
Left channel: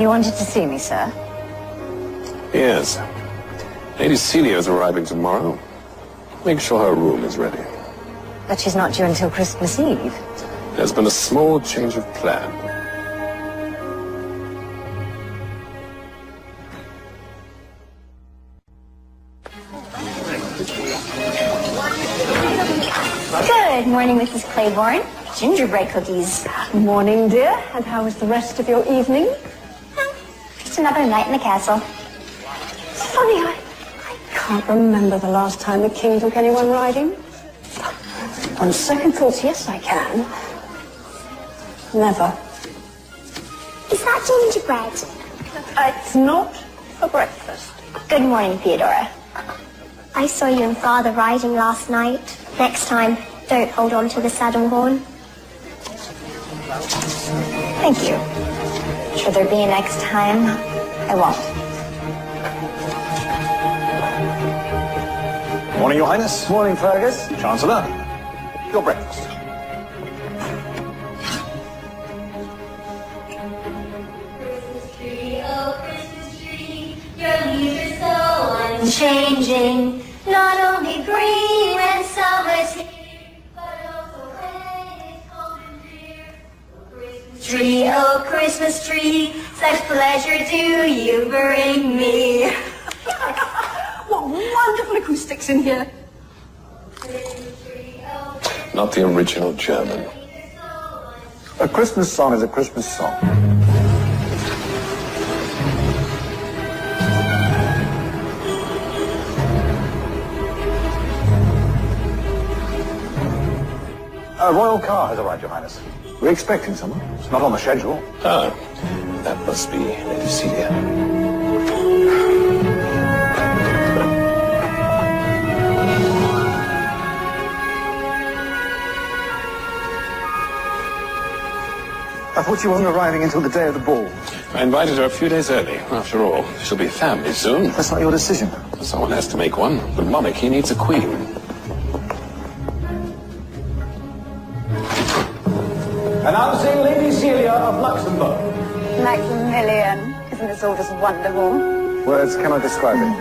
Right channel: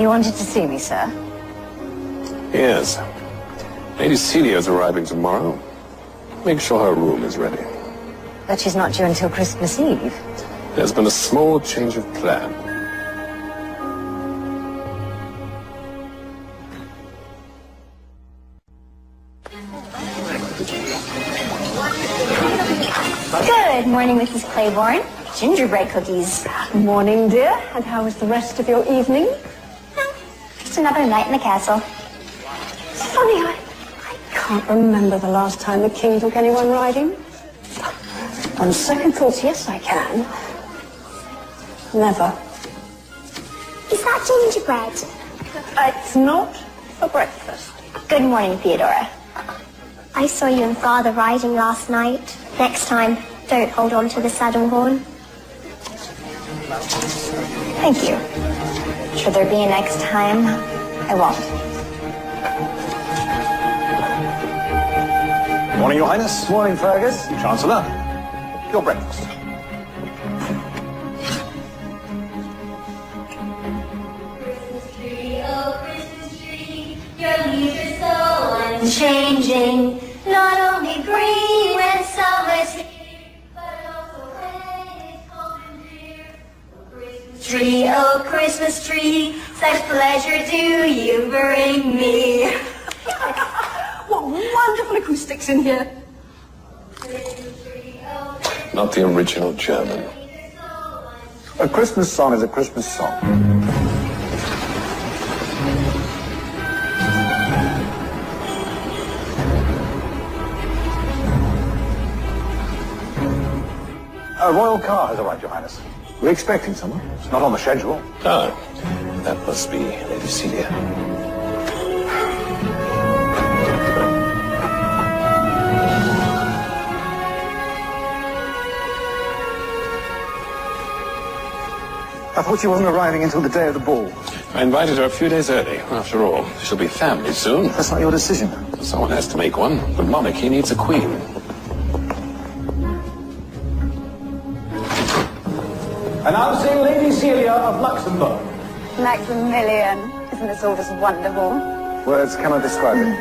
You wanted to see me, sir? Yes. Lady Celia's arriving tomorrow. Make sure her room is ready. But she's not due until Christmas Eve. There's been a small change of plan. Good morning, Mrs. Claiborne. Gingerbread cookies. Morning, dear. And how was the rest of your evening? Just another night in the castle. Funny, I can't remember the last time the king took anyone riding. On second thoughts, yes, I can. Never. Is that gingerbread? It's not for breakfast. Good morning, Theodora. I saw you and Father riding last night. Next time, don't hold on to the saddle horn. Thank you. Should there be a next time? I won't. Morning, Your Highness. Morning, Fergus. Chancellor. Your breakfast. Your leaves are so unchanging. Not only green at summer's here, but also when it's cold and clear. Tree, oh Christmas tree, such pleasure do you bring me. What wonderful acoustics in here. Not the original German. A Christmas song is a Christmas song. A royal car has arrived, Your Highness. We're expecting someone. It's not on the schedule. Oh, that must be Lady Celia. I thought she wasn't arriving until the day of the ball. I invited her a few days early. After all, she'll be family soon. That's not your decision. Someone has to make one. The monarchy needs a queen. Announcing Lady Celia of Luxembourg. Maximilian. Isn't this all just wonderful? Words cannot describe it.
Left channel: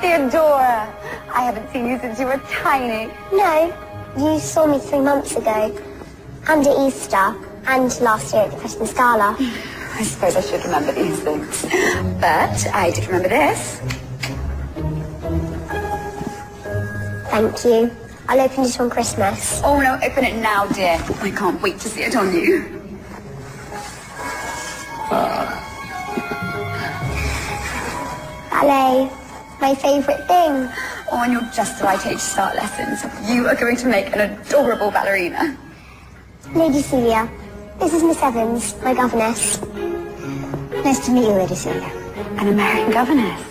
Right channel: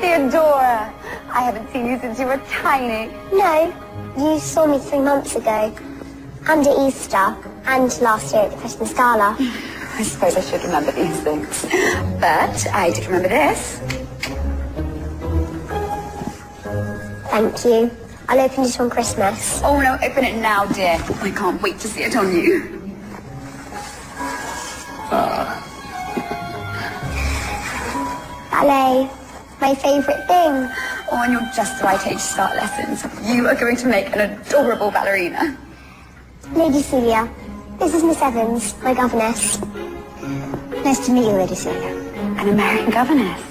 Theodora, I haven't seen you since you were tiny. No, you saw me 3 months ago. And at Easter. And last year at the Christmas Gala. I suppose I should remember these things. But I did remember this. Thank you. I'll open it on Christmas. Oh no, open it now, dear. I can't wait to see it on you. Ballet. My favourite thing. Oh, and you're just the right age to start lessons. You are going to make an adorable ballerina. Lady Celia. This is Miss Evans, my governess. Nice to meet you, Lady Celia. An American governess.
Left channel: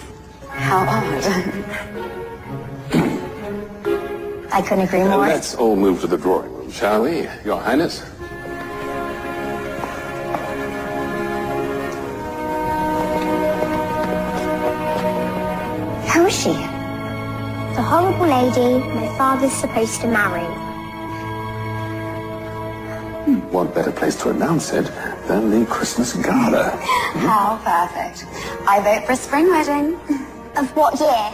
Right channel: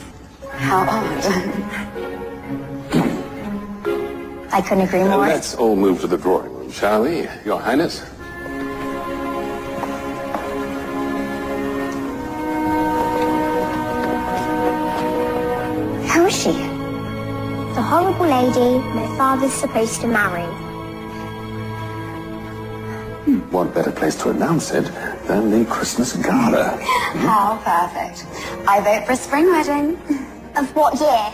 How odd. I couldn't agree more. Let's all move to the drawing room, shall we, Your Highness? Who is she? The horrible lady my father's supposed to marry. What better place to announce it than the Christmas gala? Oh, perfect. I vote for a spring wedding. Of what year?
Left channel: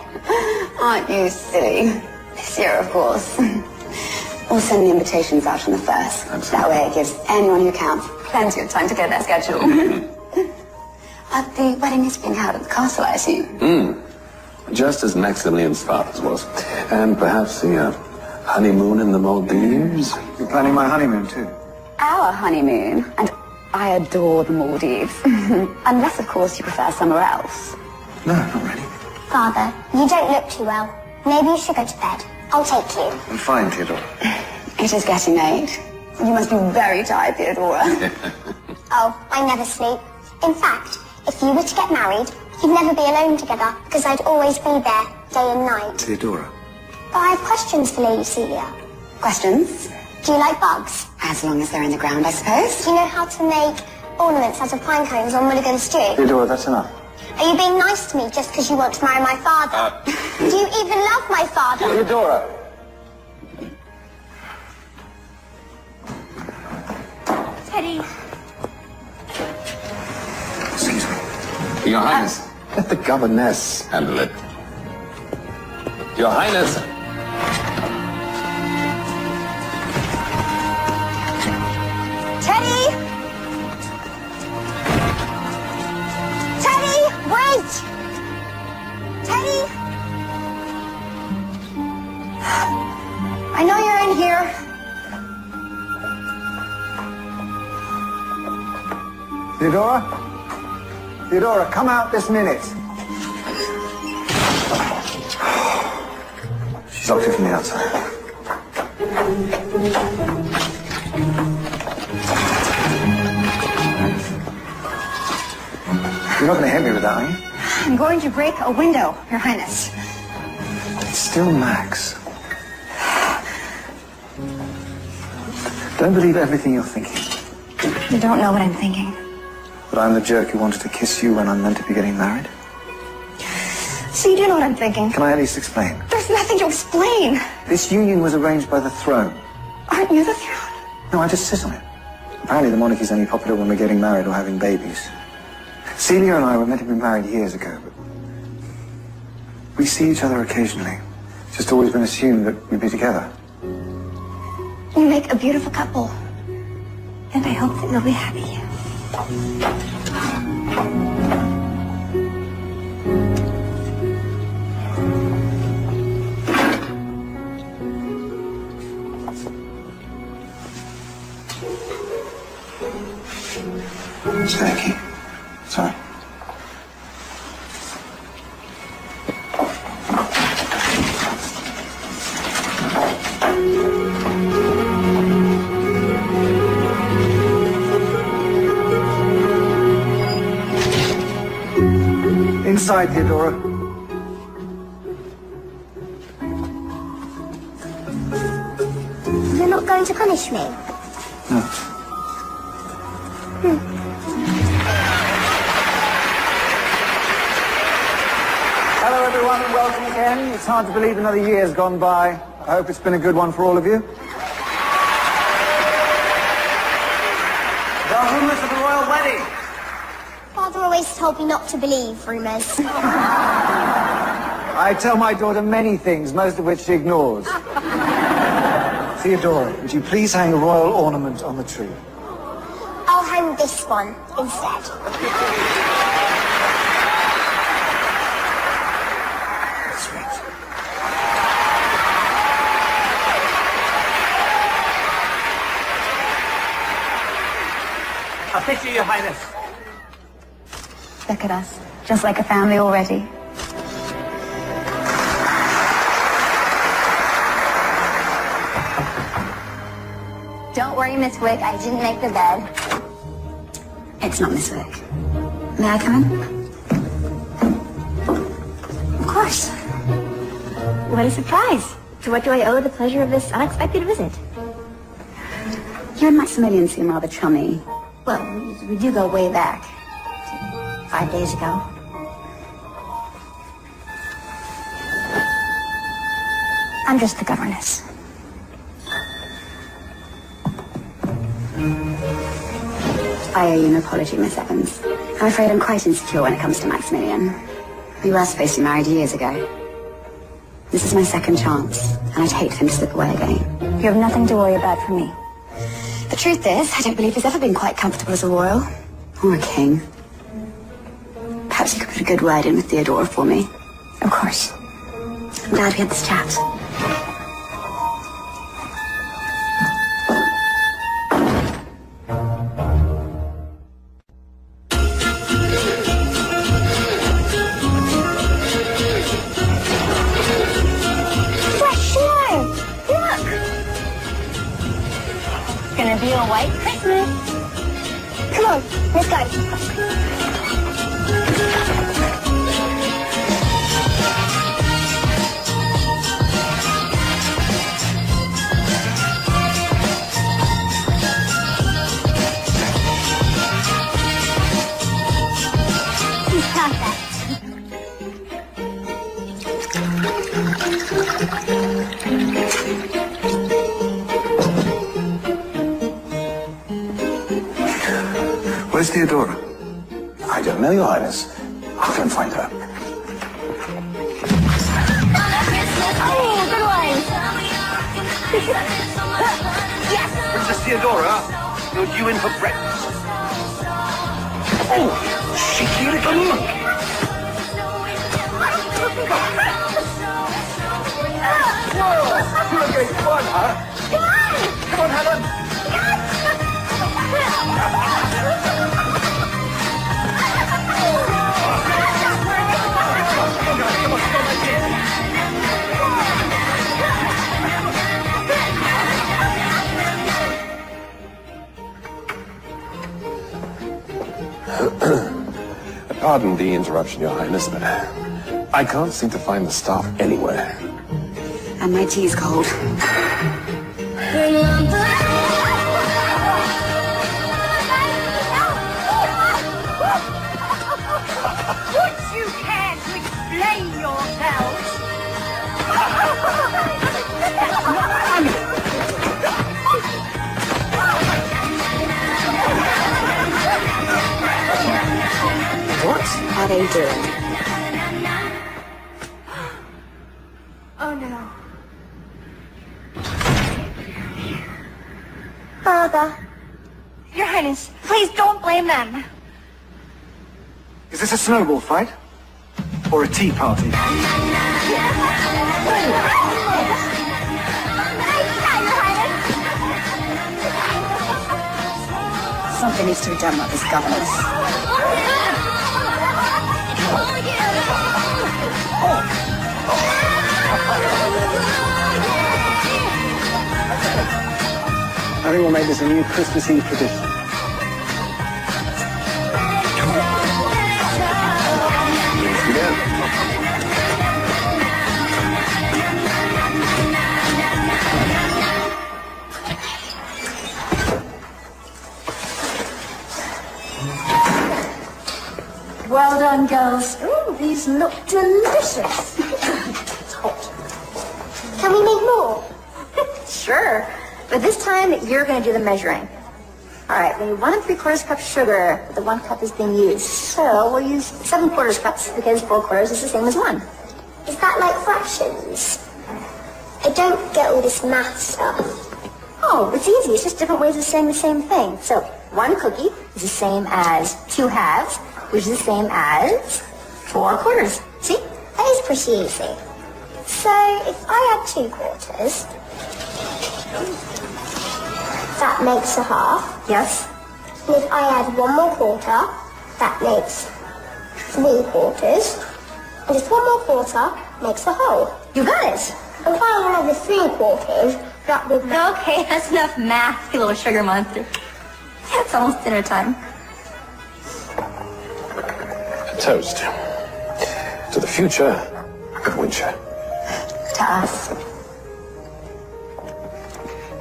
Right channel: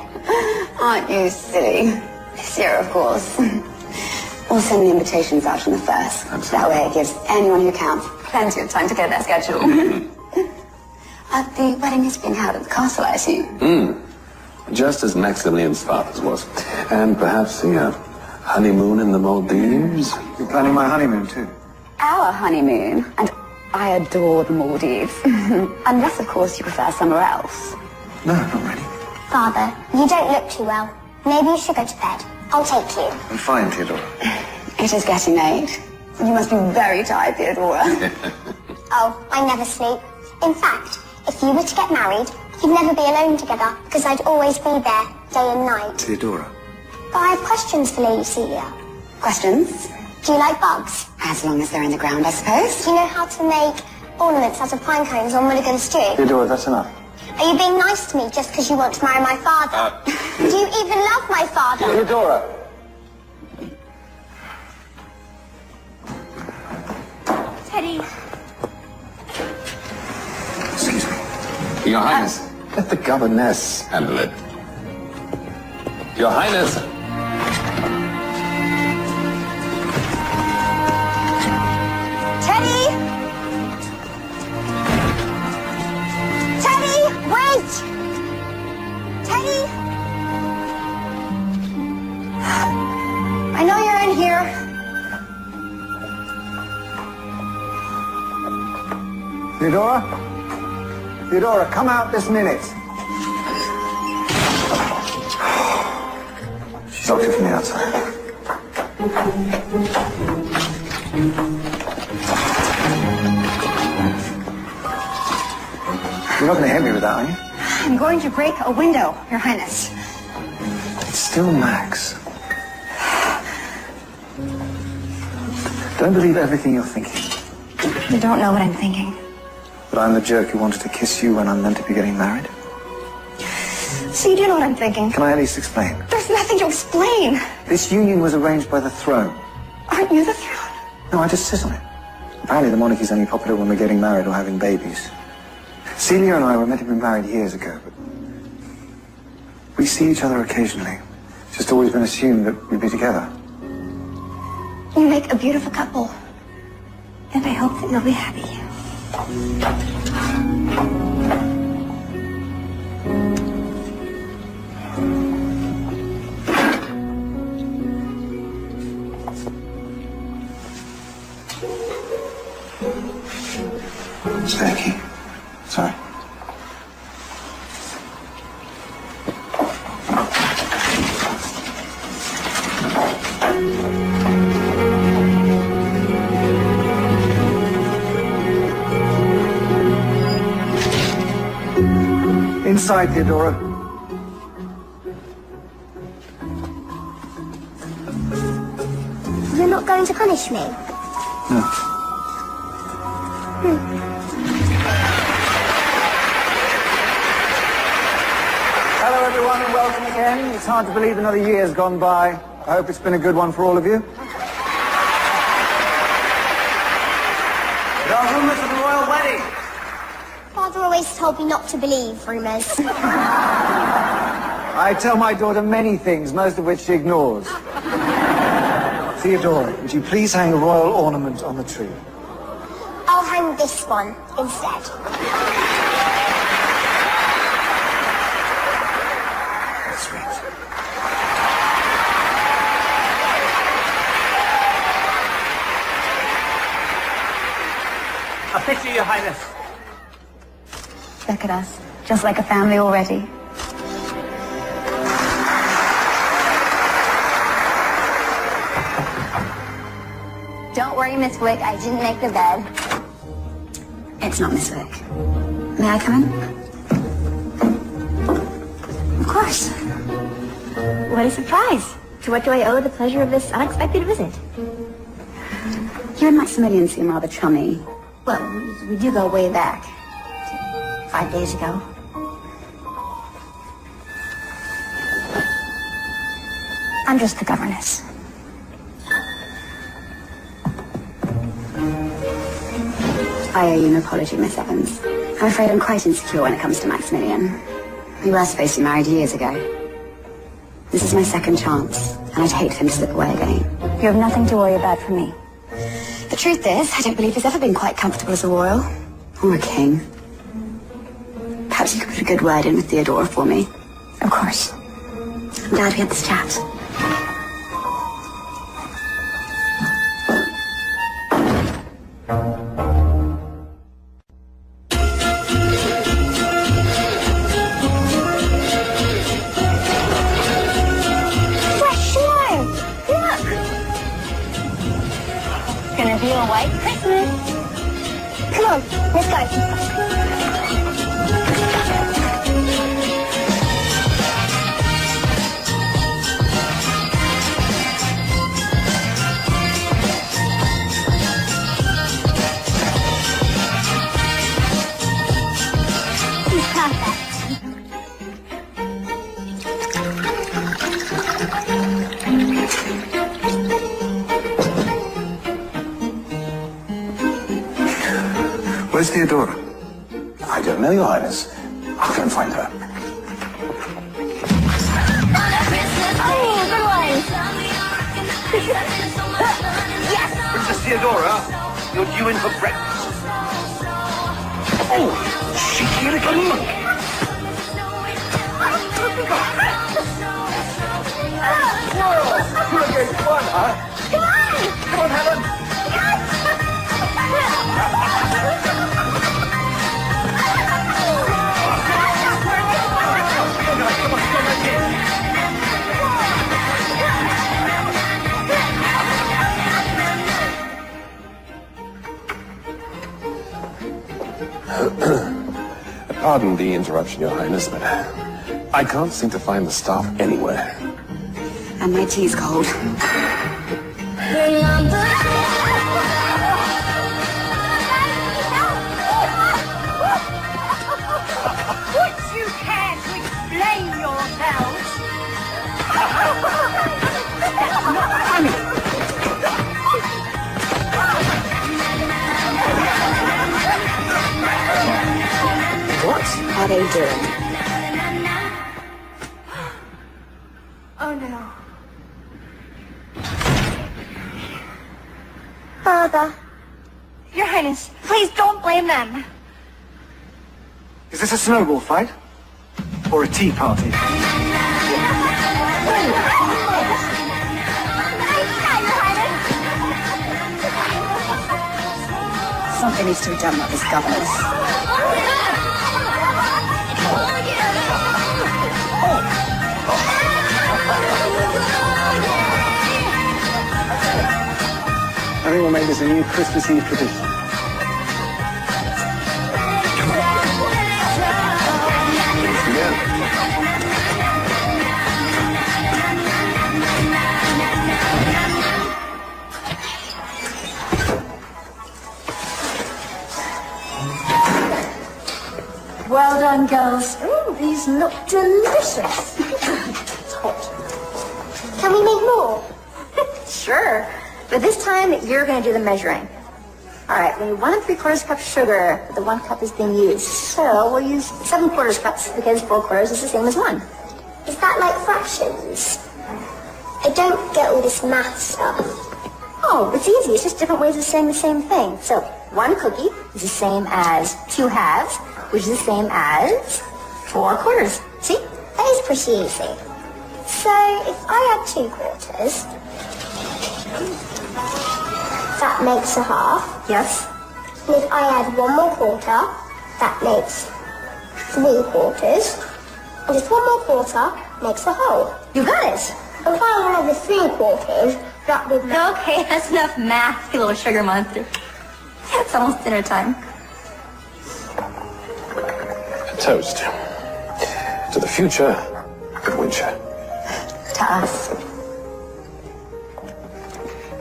Aren't you silly? This year, of course. I'll send the invitations out on the 1st. That way it gives anyone who counts plenty of time to get their schedule. The wedding is being held at the castle, I assume. Just as Maximilian's father's was. And perhaps a honeymoon in the Maldives? You're planning my honeymoon, too. Our honeymoon. And I adore the Maldives. Unless, of course, you prefer somewhere else. No, not really. Father, you don't look too well. Maybe you should go to bed. I'll take you. I'm fine, Theodore. It is getting late. You must be very tired, Theodora. Oh, I never sleep. In fact, if you were to get married, you'd never be alone together, because I'd always be there, day and night. Theodora. But I have questions for Lady Celia. Questions? Do you like bugs? As long as they're in the ground, I suppose. Do you know how to make ornaments out of pine cones on Mulligan stew? Theodora, that's enough. Are you being nice to me just because you want to marry my father? Do you even love my father? Theodora! Teddy. Excuse me. Your Highness. Let the governess handle it. Your Highness. Teddy! Teddy, wait! Teddy! I know you're in here. Theodora? Theodora, come out this minute. She's opted for me outside. You're not going to hit me with that, are you? I'm going to break a window, Your Highness. It's still Max. Don't believe everything you're thinking. I don't know what I'm thinking. But I'm the jerk who wanted to kiss you when I'm meant to be getting married. So you do know what I'm thinking? Can I at least explain? There's nothing to explain. This union was arranged by the throne. Aren't you the throne? No, I just sit on it. Apparently the monarchy's only popular when we're getting married or having babies. Celia and I were meant to be married years ago. We see each other occasionally. It's just always been assumed that we'd be together. You make a beautiful couple. And I hope that you'll be happy. Thank you. Sorry. Inside, Theodora. You're not going to punish me? No. Hello, everyone. Welcome again. It's hard to believe another year's gone by. I hope it's been a good one for all of you. There are rumors of royal wedding. Father always told me not to believe rumours. I tell my daughter many things, most of which she ignores. Theodore, would you please hang a royal ornament on the tree? I'll hang this one instead. I'll take you, Your Highness. Look at us. Just like a family already. Don't worry, Miss Wick, I didn't make the bed. It's not Miss Vick. May I come in? Of course. What a surprise. To what do I owe the pleasure of this unexpected visit? You and Maximilian seem rather chummy. Well, we do go way back. 5 days ago. I'm just the governess. I owe you an apology, Miss Evans. I'm afraid I'm quite insecure when it comes to Maximilian. We were supposed to be married years ago. This is my second chance, and I'd hate for him to slip away again. You have nothing to worry about from me. The truth is, I don't believe he's ever been quite comfortable as a royal. Or a king. Perhaps you could put a good word in with Theodora for me. Of course. I'm glad we had this chat. Gonna be a white Christmas. Come on, let's go. Where's Theodora? I don't know, Your Highness. I'll go and find her. Good one. Princess Theodora, you're due in for breakfast. Oh, cheeky little monkey. Whoa, you're a great fun, huh? Come on, Helen. Pardon the interruption, Your Highness, but I can't seem to find the staff anywhere. And my tea's cold. What are they doing? Oh no. Father. Your Highness, please don't blame them. Is this a snowball fight? Or a tea party? Hi, Your Highness. Something needs to be done with this governess. I think we'll make this a new Christmas Eve tradition. Yeah. Well done, girls. Ooh, these look delicious. Can we make more? Sure. But this time, you're going to do the measuring. All right, we need 1 3/4 cup sugar. The 1 cup is being used. So we'll use 7/4 cups because 4 quarters is the same as 1. Is that like fractions? I don't get all this math stuff. Oh, it's easy. It's just different ways of saying the same thing. So 1 cookie is the same as 2 halves, which is the same as 4 quarters. See? That is pretty easy. So if I add 2 quarters, that makes a half. Yes. And if I add 1 more quarter, that makes 3 quarters. And just 1 more quarter makes a whole. You got it. And if I add another 3 quarters, that would make... Okay, that's enough math, you little sugar monster. It's almost dinner time. A toast. To the future. Good winter. to us.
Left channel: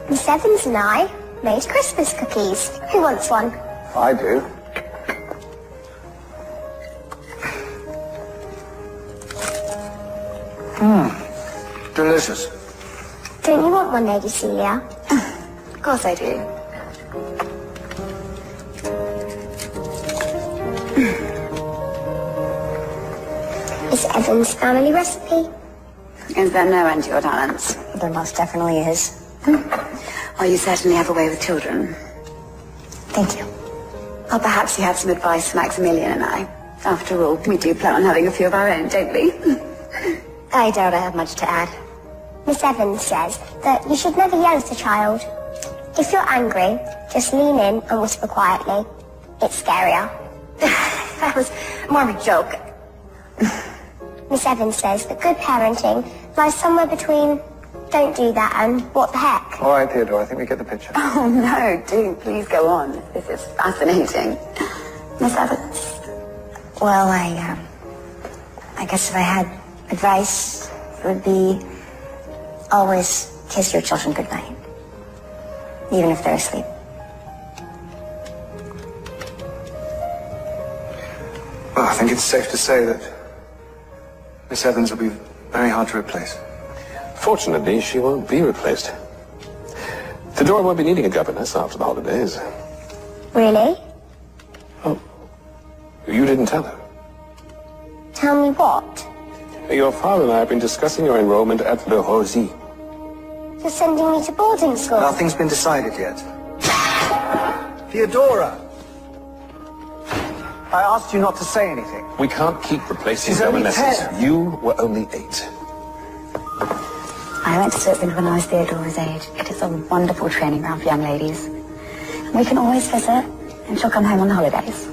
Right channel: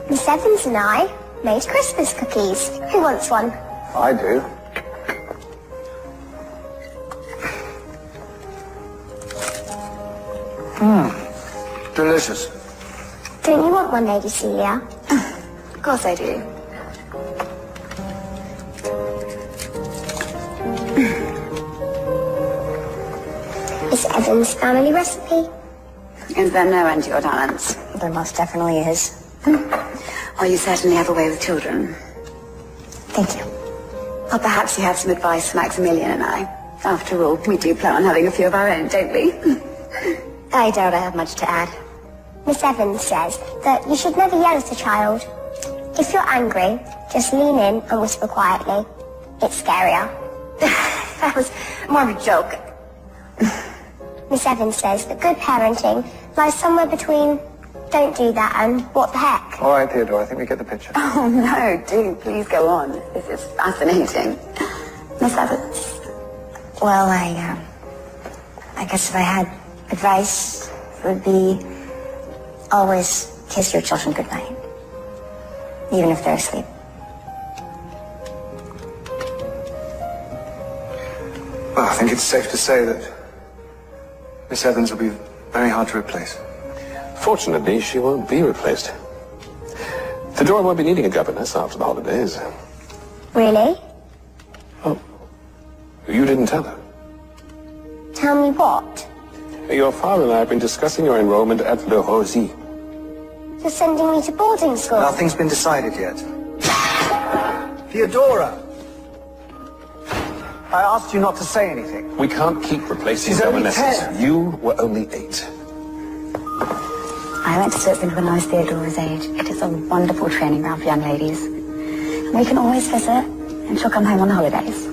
Miss Evans and I made Christmas cookies. Who wants one? I do. Delicious. Don't you want one, Lady Celia? Of course I do. Evan's family recipe. Is there no end to your talents? There most definitely is. Well, you certainly have a way with children. Thank you. Well, perhaps you have some advice for Maximilian and I. After all, we do plan on having a few of our own, don't we? I doubt I have much to add. Miss Evans says that you should never yell at a child. If you're angry, just lean in and whisper quietly. It's scarier. That was more of a joke. Miss Evans says that good parenting lies somewhere between don't do that and what the heck. All right, Theodore, I think we get the picture. Oh, no, do please go on. This is fascinating. Miss Evans. Well, I guess if I had advice, it would be always kiss your children goodnight, even if they're asleep. Well, I think it's safe to say that Miss Evans will be very hard to replace. Fortunately, she won't be replaced. Theodora won't be needing a governess after the holidays. Really? Oh, you didn't tell her. Tell me what? Your father and I have been discussing your enrollment at Le Rosy. You're sending me to boarding school? Nothing's been decided yet. Theodora! I asked you not to say anything. We can't keep replacing She's only governesses. 10. You were only 8. I went to Switzerland when I was Theodora's age. It is a wonderful training ground for young ladies. We can always visit, and she'll come home on holidays.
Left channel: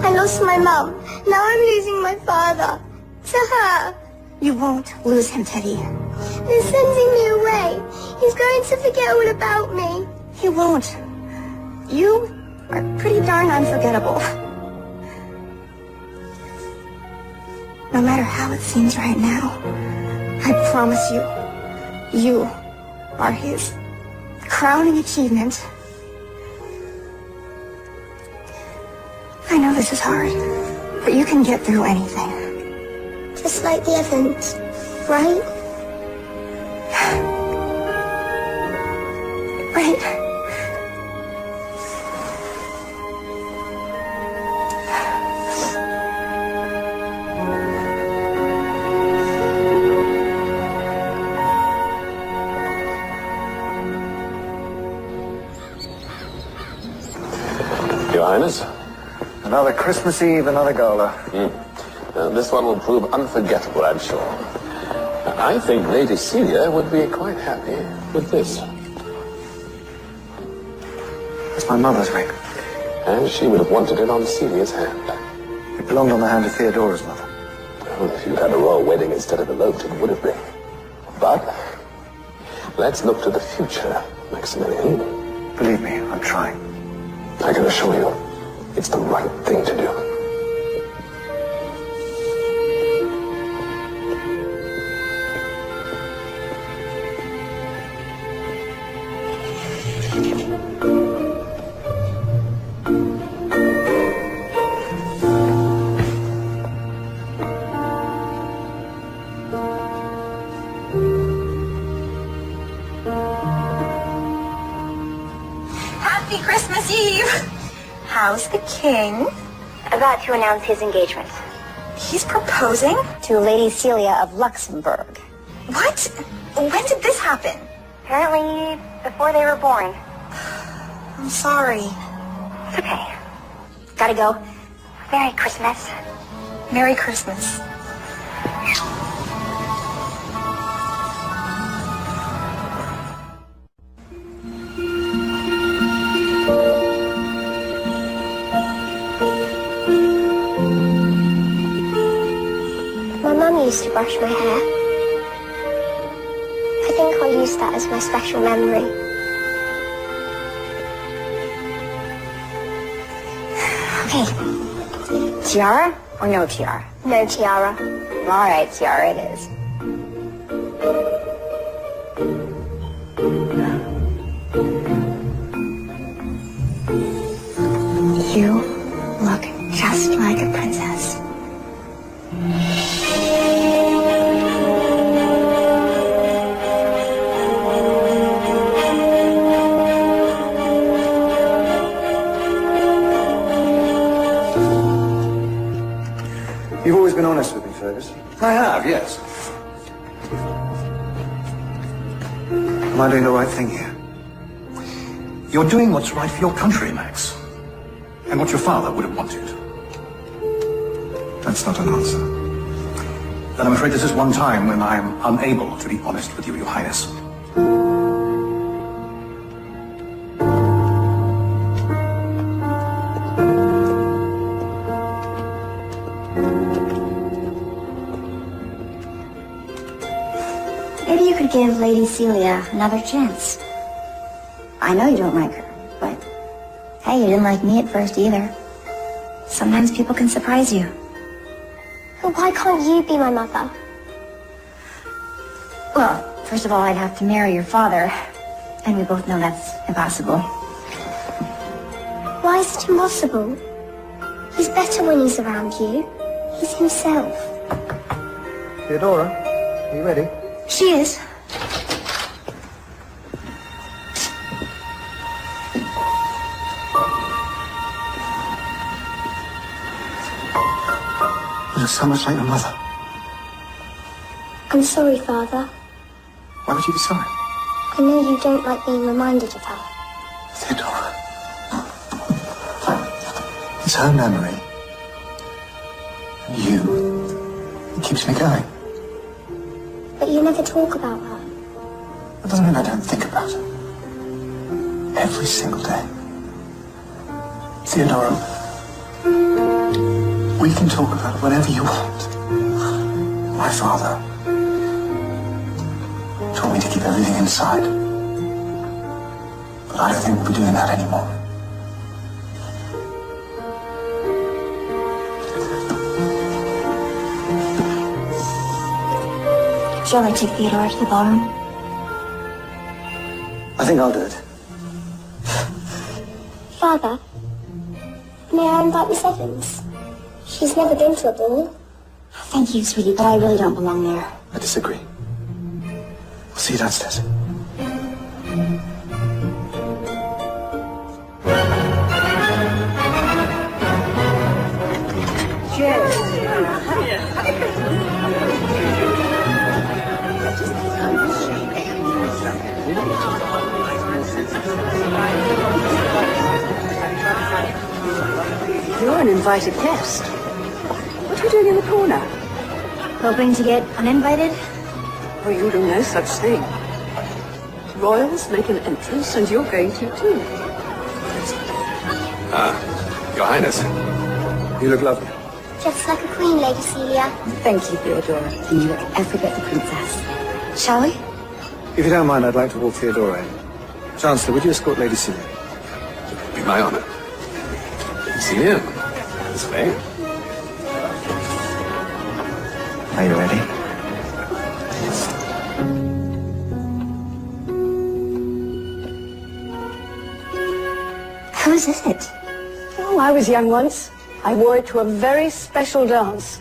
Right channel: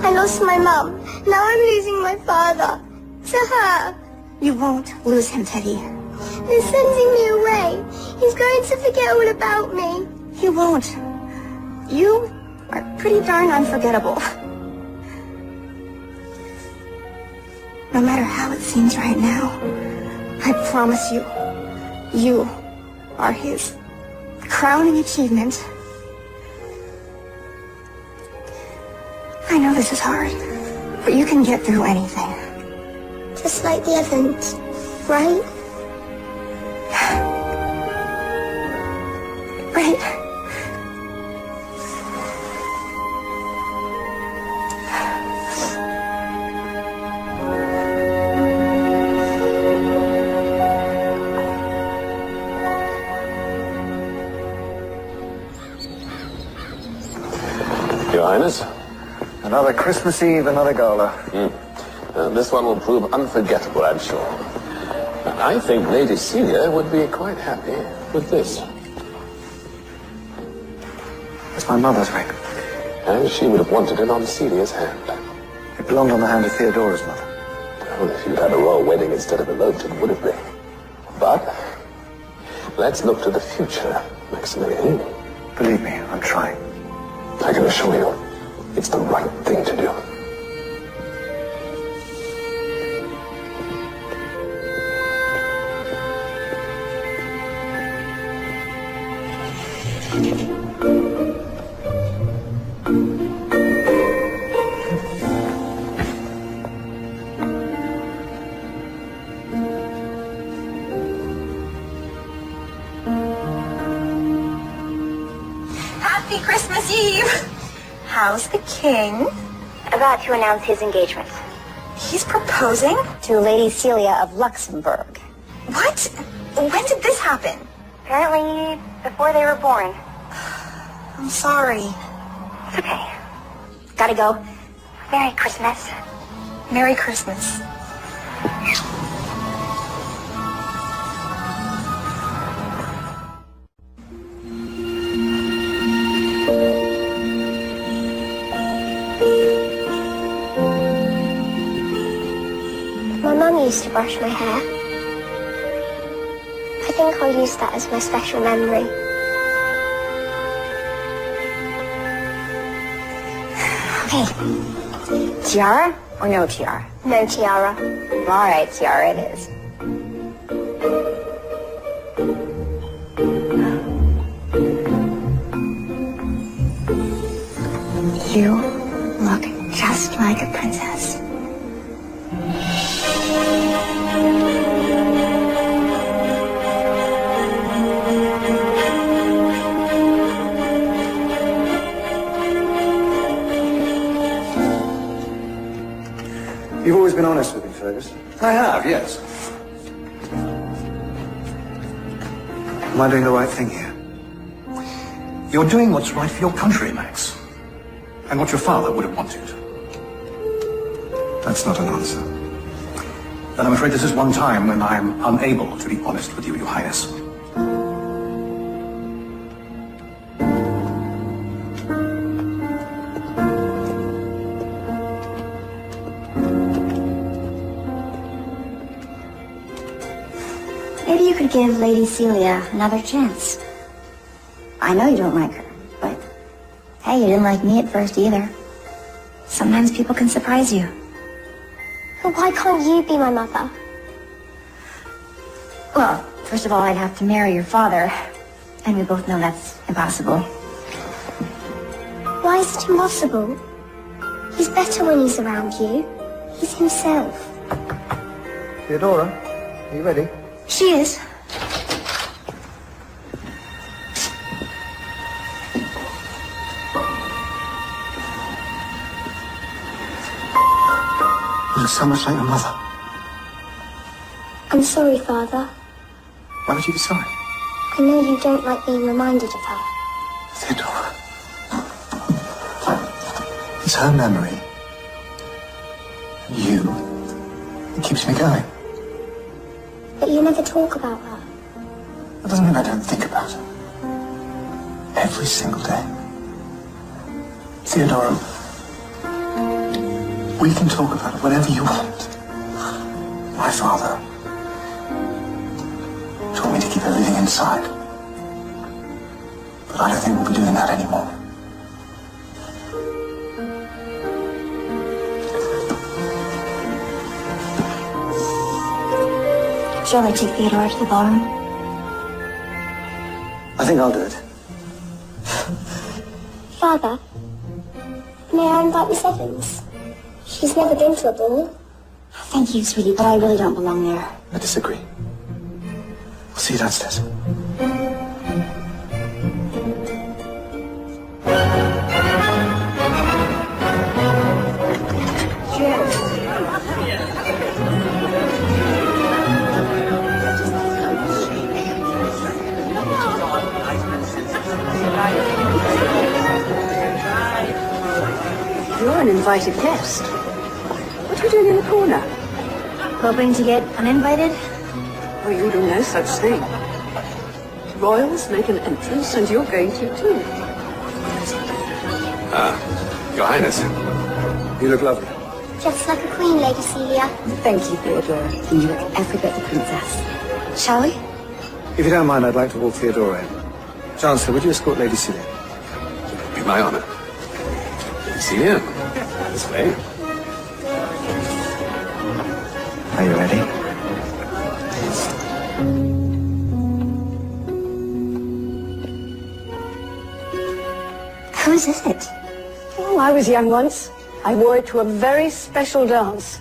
I lost my mum. Now I'm losing my father. To her. You won't lose him, Teddy. He's sending me away. He's going to forget all about me. You won't. You are pretty darn unforgettable. No matter how it seems right now, I promise you, you are his crowning achievement. I know this is hard, but you can get through anything. Just like the Evans, right? Right. Your Highness? Another Christmas Eve, another gala. Yeah. This one will prove unforgettable, I'm sure. I think Lady Celia would be quite happy with this. It's my mother's ring. And she would have wanted it on Celia's hand. It belonged on the hand of Theodora's mother. Well, she would have a royal wedding instead of an oaten, would it be? But let's look to the future, Maximilian. Believe me, I'm trying. I can assure you, it's the right thing to do. Happy Christmas Eve! How's the king? About to announce his engagement He's proposing? to Lady Celia of Luxembourg. What? When did this happen? Apparently, before they were born. I'm sorry. It's okay. Gotta go. Merry Christmas. Merry Christmas. My mum used to brush my hair. I think I'll use that as my special memory. Okay. Tiara or no tiara? No tiara. All right, tiara it is. You look just like a princess. Yes. Am I doing the right thing here? You're doing what's right for your country, Max. And what your father would have wanted. That's not an answer. And I'm afraid this is one time when I am unable to be honest with you, Your Highness. Maybe you could give Lady Celia another chance. I know you don't like her, but hey, you didn't like me at first either. Sometimes people can surprise you. But why can't you be my mother? Well, first of all, I'd have to marry your father, and we both know that's impossible. Why is it impossible? He's better when he's around you. He's himself. Theodora, are you ready? She is. You look so much like your mother. I'm sorry, Father. Why would you be sorry? I know you don't like being reminded of her. Theodora. It's her memory. You. It keeps me going. But you never talk about her. That doesn't mean I don't think about her. Every single day. Theodora, we can talk about it whenever you want. My father told me to keep everything inside. But I don't think we'll be doing that anymore. Shall we take Theodora to the ballroom? I think I'll do it. Father, may I invite Miss Evans? She's never been to a ball. Thank you, sweetie, but I really don't belong there. I disagree. We'll see you downstairs. You're an invited guest. What are you doing in the corner? Hoping to get uninvited? Well, you do no such thing. Royals make an entrance, and you're going to too. Your Highness. You look lovely. Just like a queen, Lady Celia. Thank you, Theodora. You look every bit a princess. Shall we? If you don't mind, I'd like to walk Theodora in. Chancellor, would you escort Lady Celia? Be my honor. Celia. That's right. Are you ready? Whose is it? Oh, I was young once. I wore it to a very special dance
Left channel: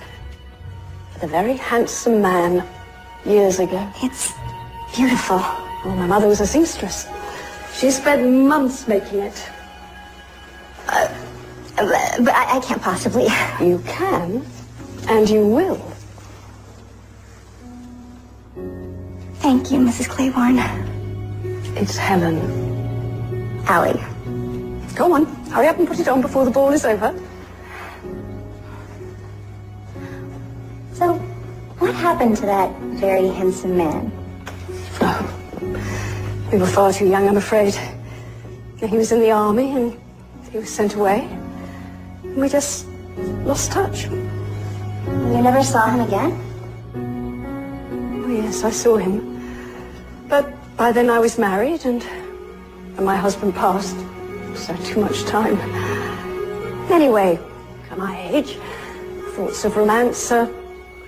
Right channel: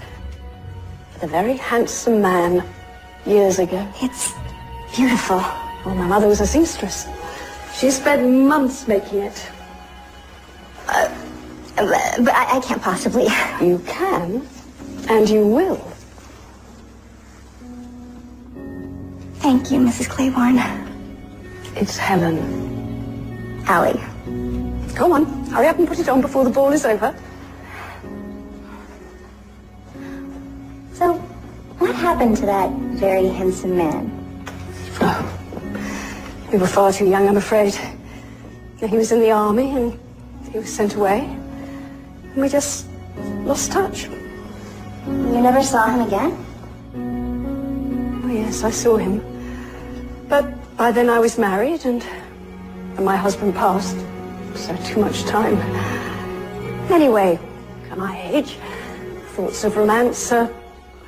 with a very handsome man years ago. It's beautiful. My mother was a seamstress. She spent months making it. But I can't possibly. You can, and you will. Thank you, Mrs. Claiborne. It's Helen. Allie. Go on, hurry up and put it on before the ball is over. So, what happened to that very handsome man? Well, you were far too young, I'm afraid. He was in the army and he was sent away. And we just lost touch. You never saw him again? Oh, yes, I saw him. But by then I was married and my husband passed. So too much time. Anyway, at my age, thoughts of romance are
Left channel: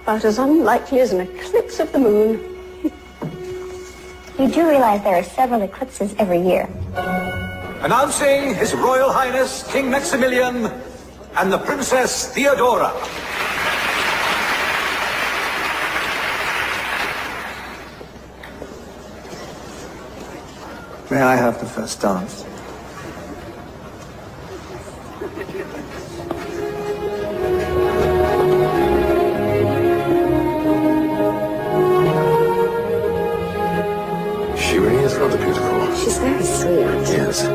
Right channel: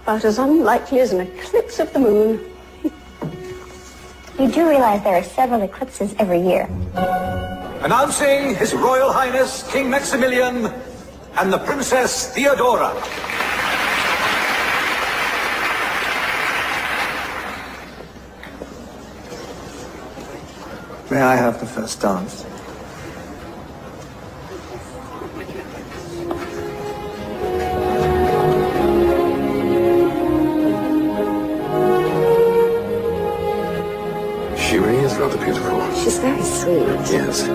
about as unlikely as an eclipse of the moon. You do realize there are several eclipses every year. Announcing His Royal Highness King Maximilian and the Princess Theodora. May I have the first dance? He is rather beautiful. She's very sweet. Yes.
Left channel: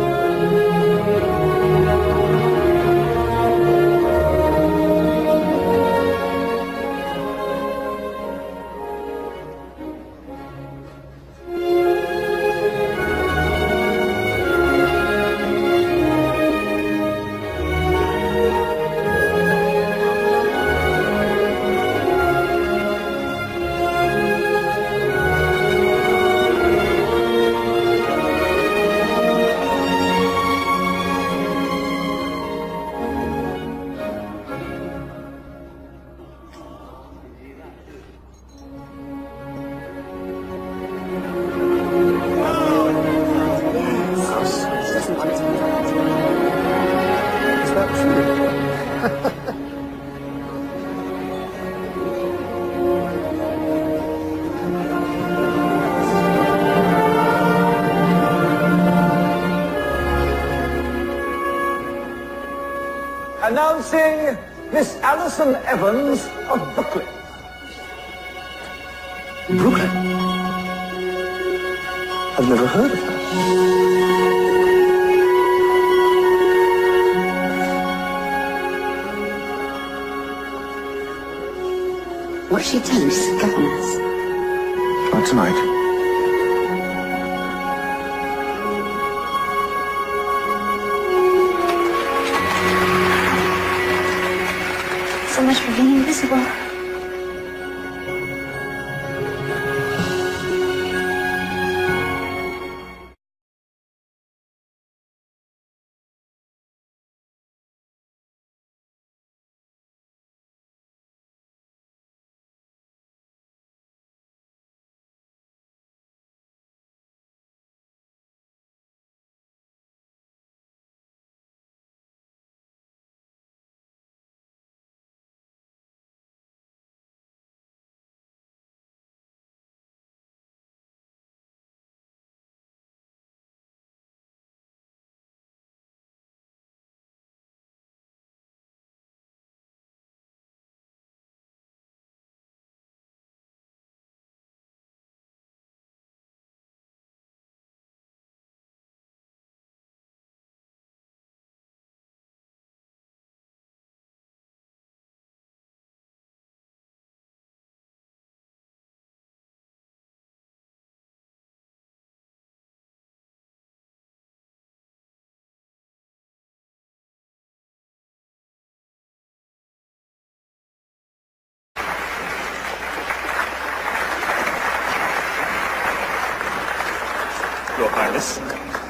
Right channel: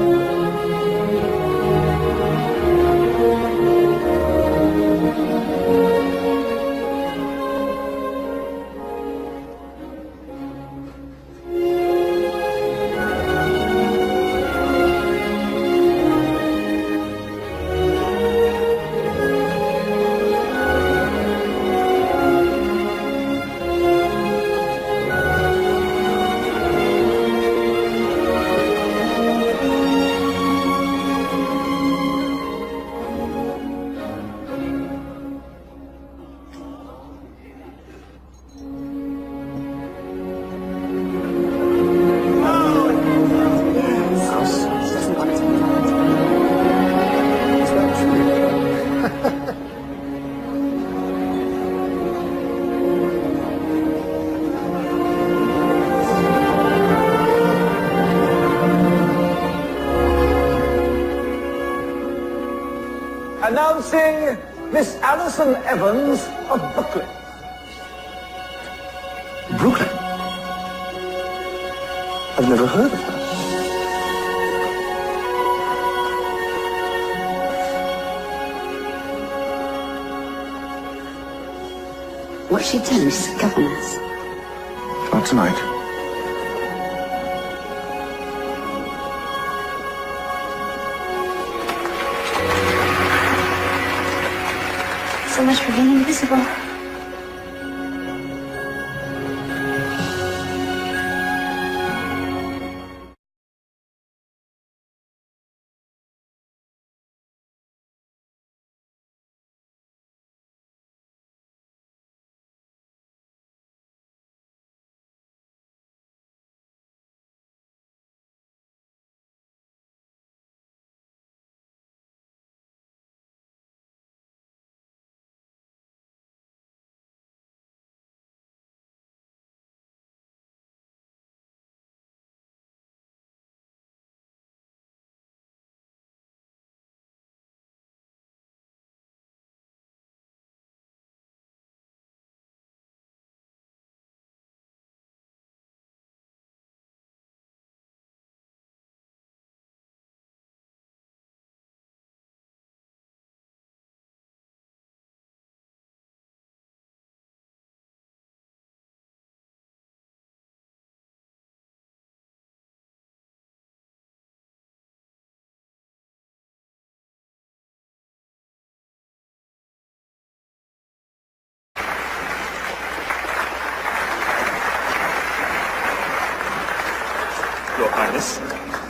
Announcing Miss Alison Evans of Brooklyn. Brooklyn? I've never heard of her. What's she doing? She's a governess. Not tonight. So much for being invisible.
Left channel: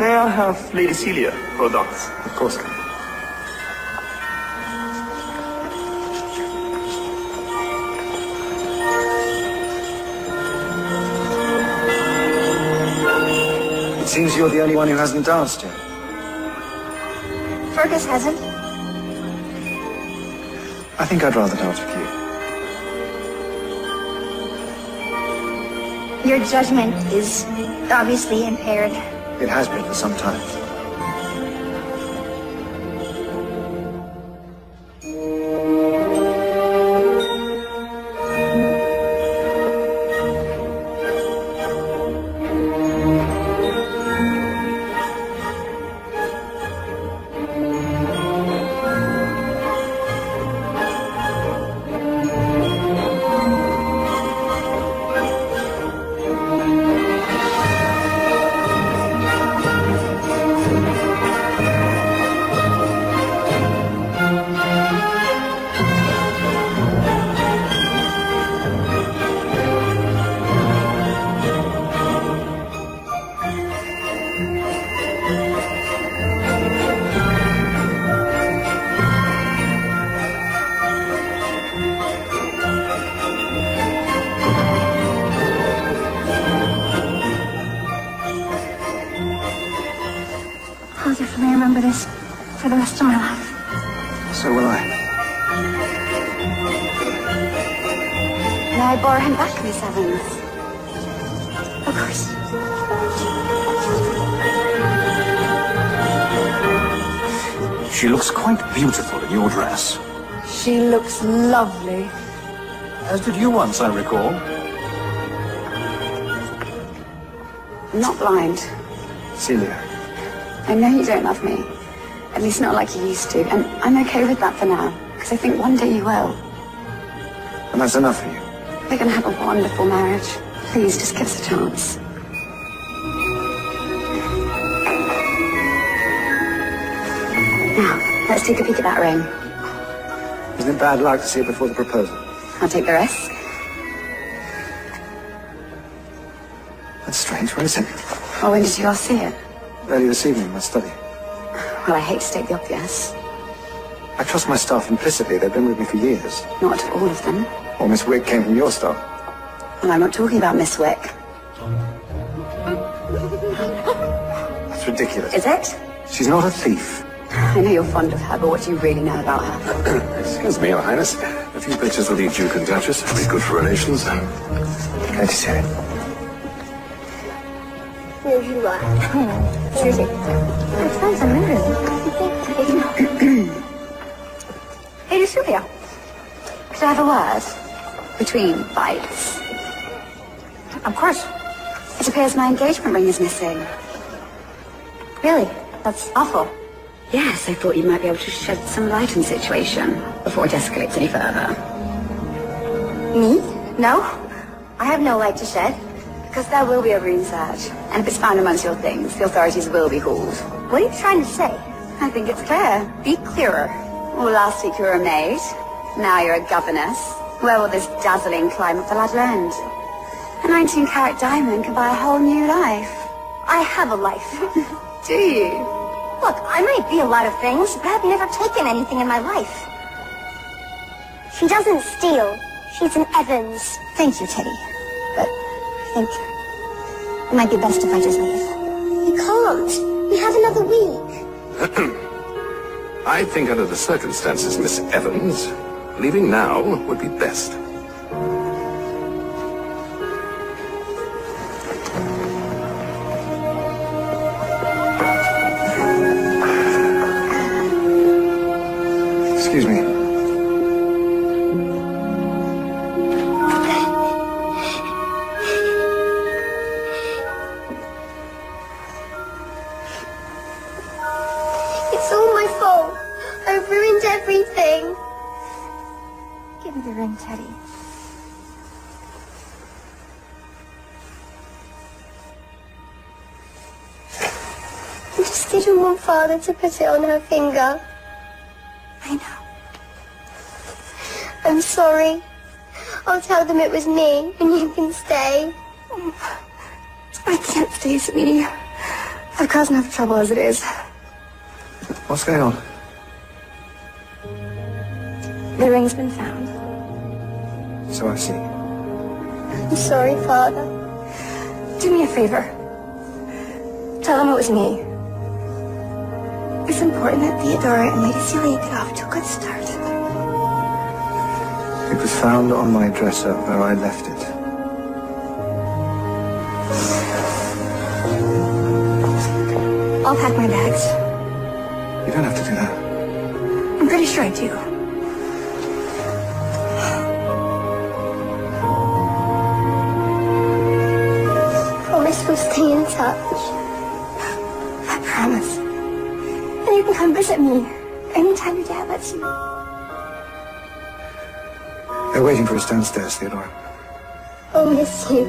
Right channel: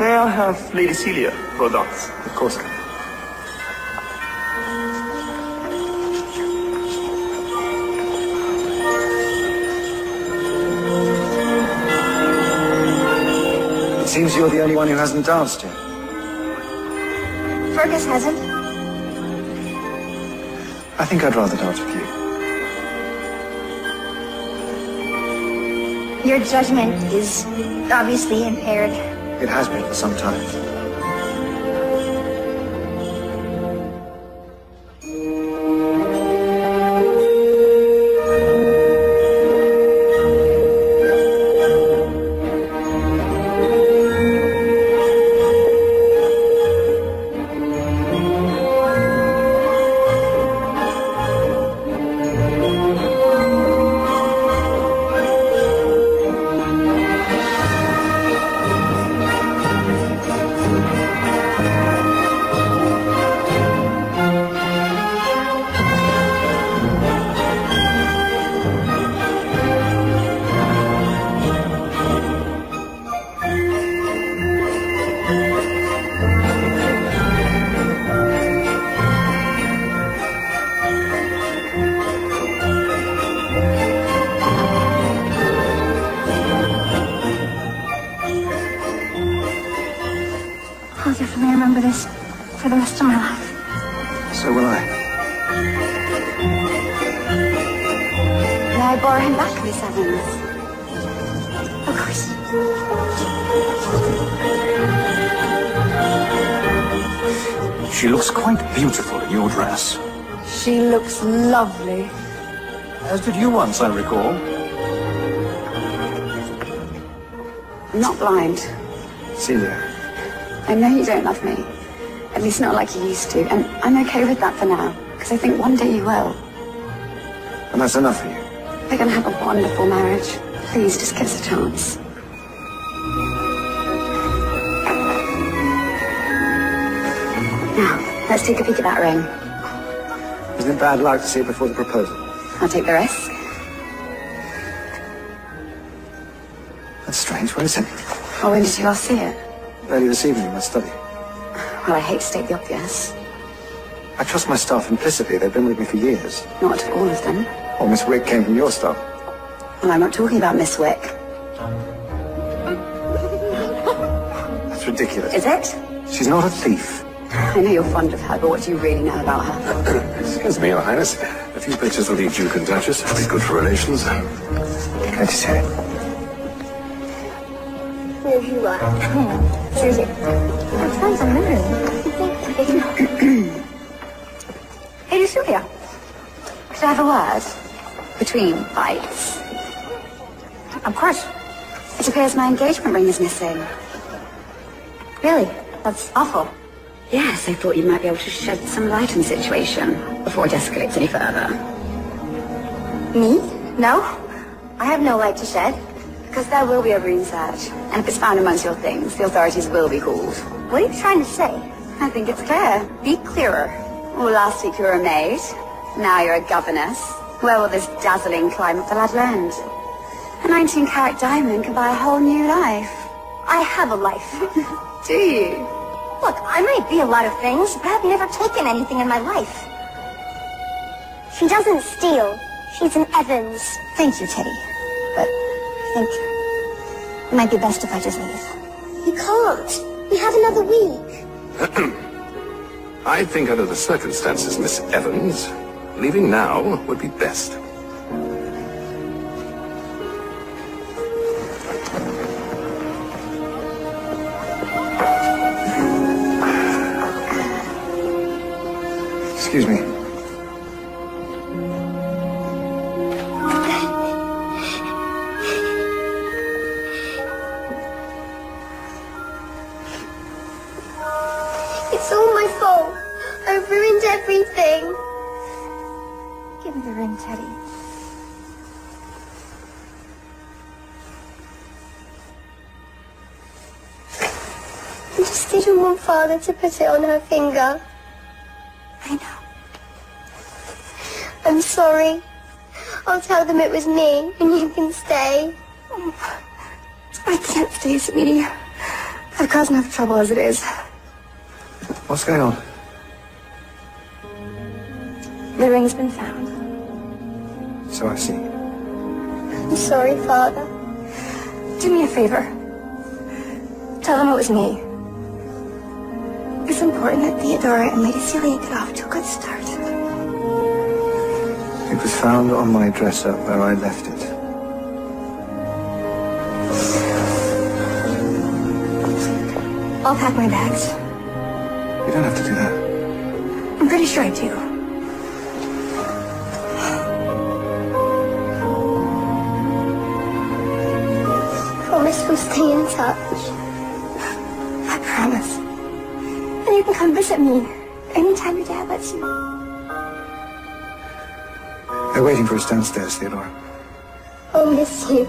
May I have Lady Celia for a dance? Of course. It seems you're the only one who hasn't danced yet. Fergus hasn't. I think I'd rather dance with you. Your judgment is obviously impaired. It has been for some time. I'll definitely remember this for the rest of my life. So will I. May I borrow him back, Miss Evans? Of course. She looks quite beautiful in your dress. She looks lovely. As did you once, I recall. I'm not blind. Celia. I know you don't love me. At least not like you used to. And I'm okay with that for now. Because I think one day you will. And that's enough for you. We're going to have a wonderful marriage. Please, just give us a chance. Now, let's take a peek at that ring. Isn't it bad luck to say before the proposal? I'll take the risk. That's strange. Where is it? Well, when did you last see it? Early this evening in the study. Well, I hate to state the obvious. I trust my staff implicitly. They've been with me for years. Not all of them. Well, Miss Wick came from your staff. Well, I'm not talking about Miss Wick. That's ridiculous. Is it? She's not a thief. I know you're fond of her, but what do you really know about her? Excuse me, Your Highness. A few pictures of the Duke and Duchess would be good for relations. Glad to see you. Here you are. It sounds amazing. Hey, Julia. Could I have a word? Between bites. Of course. It appears my engagement ring is missing. Really? That's awful. Yes, I thought you might be able to shed some light on the situation before it escalates any further. Me? No? I have no light to shed. Because there will be a room search. And if it's found amongst your things, the authorities will be called. What are you trying to say? I think it's clear. Be clearer. Well, last week you were a maid. Now you're a governess. Where will this dazzling climb of the ladder end? A 19-carat diamond can buy a whole new life. I have a life. Do you? Look, I might be a lot of things, but I've never taken anything in my life. She doesn't steal. She's an Evans. Thank you, Teddy. But I think it might be best if I just leave. You can't. We have another week. I think under the circumstances, Miss Evans, leaving now would be best. Excuse me. It's all my fault. I've ruined everything. Give me the ring, Teddy. I just didn't want Father to put it on her finger. I know. I'm sorry. I'll tell them it was me, and you can stay. I can't stay, sweetie. I've caused enough trouble as it is. What's going on? The ring's been found. So I see. I'm sorry, Father. Do me a favor. Tell them it was me. It's important that Theodora and Lady Celia get off to a good start. It was found on my dresser where I left it. I'll pack my bags. You don't have to do that. I'm pretty sure I do. Promise we'll stay in touch. I promise. And you can come visit me anytime your dad lets you. They're waiting for us downstairs, Theodora. I'll miss you.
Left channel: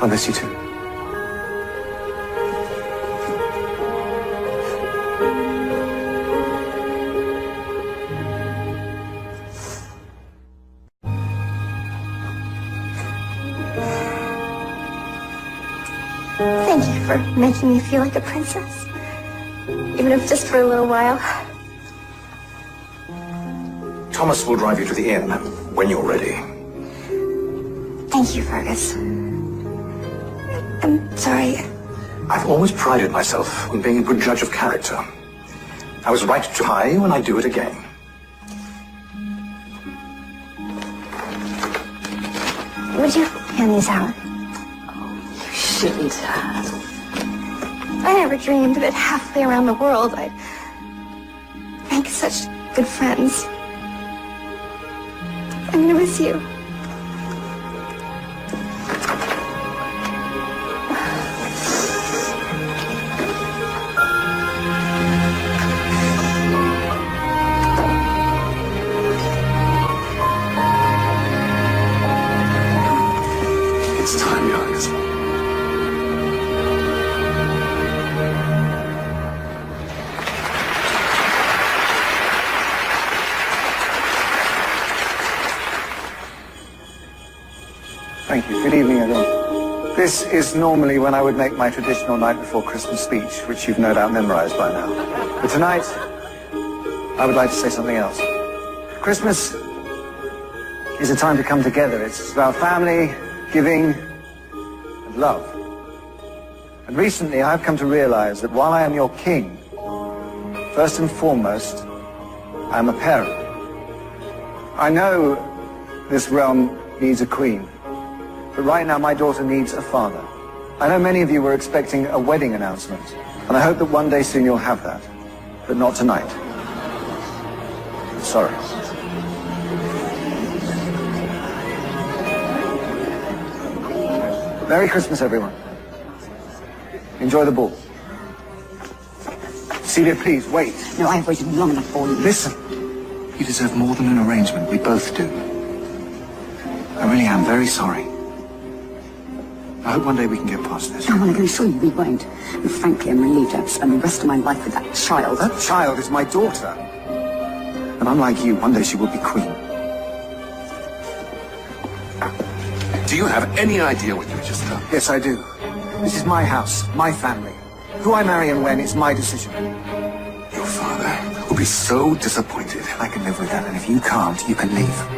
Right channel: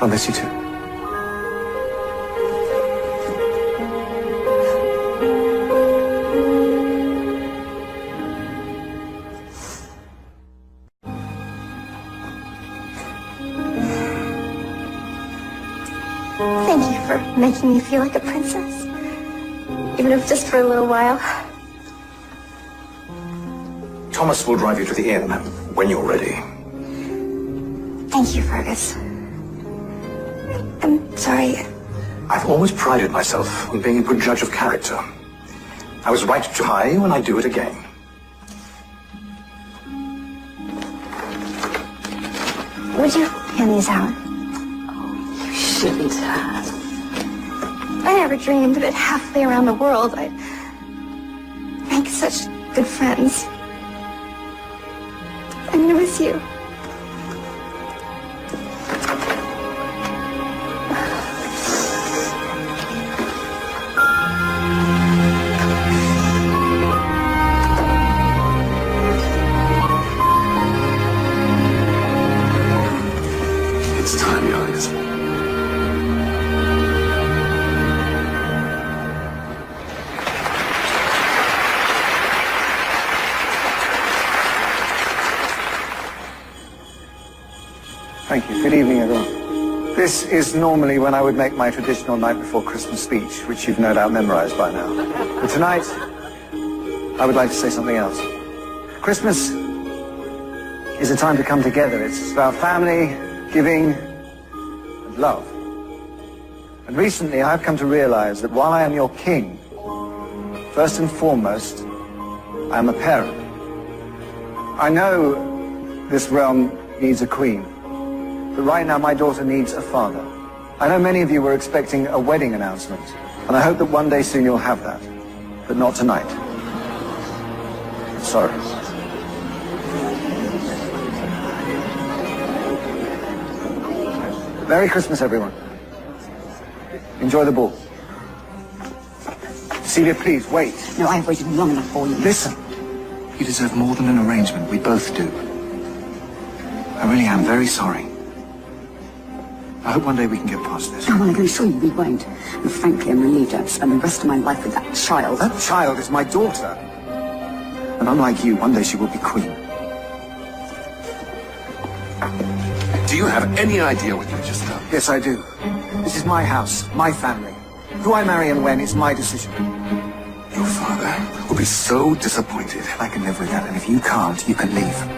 I'll miss you too. Thank you for making me feel like a princess. Even if just for a little while. Thomas will drive you to the inn when you're ready. Thank you, Fergus. I'm sorry. I've always prided myself on being a good judge of character. I was right to try you, and I do it again. Would you hand these out? You shouldn't have. I never dreamed that halfway around the world I'd make good friends. I'm gonna miss you. It's time, youngest. Thank you. Good evening, everyone. This is normally when I would make my traditional night before Christmas speech, which you've no doubt memorized by now. But tonight, I would like to say something else. Christmas is a time to come together. It's about family, giving, and love. And recently, I've come to realize that while I am your king, first and foremost, I'm a parent. I know this realm needs a queen. But right now, my daughter needs a father. I know many of you were expecting a wedding announcement, and I hope that one day soon you'll have that. But not tonight. Sorry. Merry Christmas, everyone. Enjoy the ball. Celia, please, wait. No, I've waited long enough for you. Listen. You deserve more than an arrangement. We both do. I really am very sorry. I hope one day we can get past this. Oh, well, I'm going to assure you we won't. And frankly, I'm relieved to have to spend the rest of my life with that child. That child is my daughter. And unlike you, one day she will be queen. Do you have any idea what you've just done? Yes, I do. This is my house, my family. Who I marry and when is my decision. Your father will be so disappointed. I can live with that, and if you can't, you can leave.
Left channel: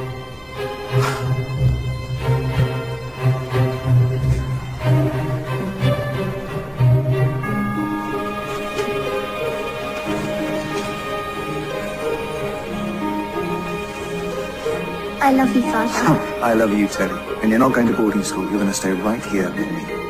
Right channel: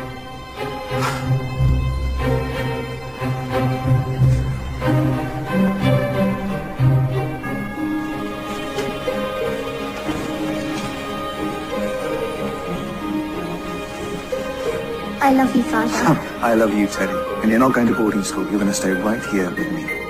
I love you, Father. I love you too. And you're not going to boarding school. You're going to stay right here with me.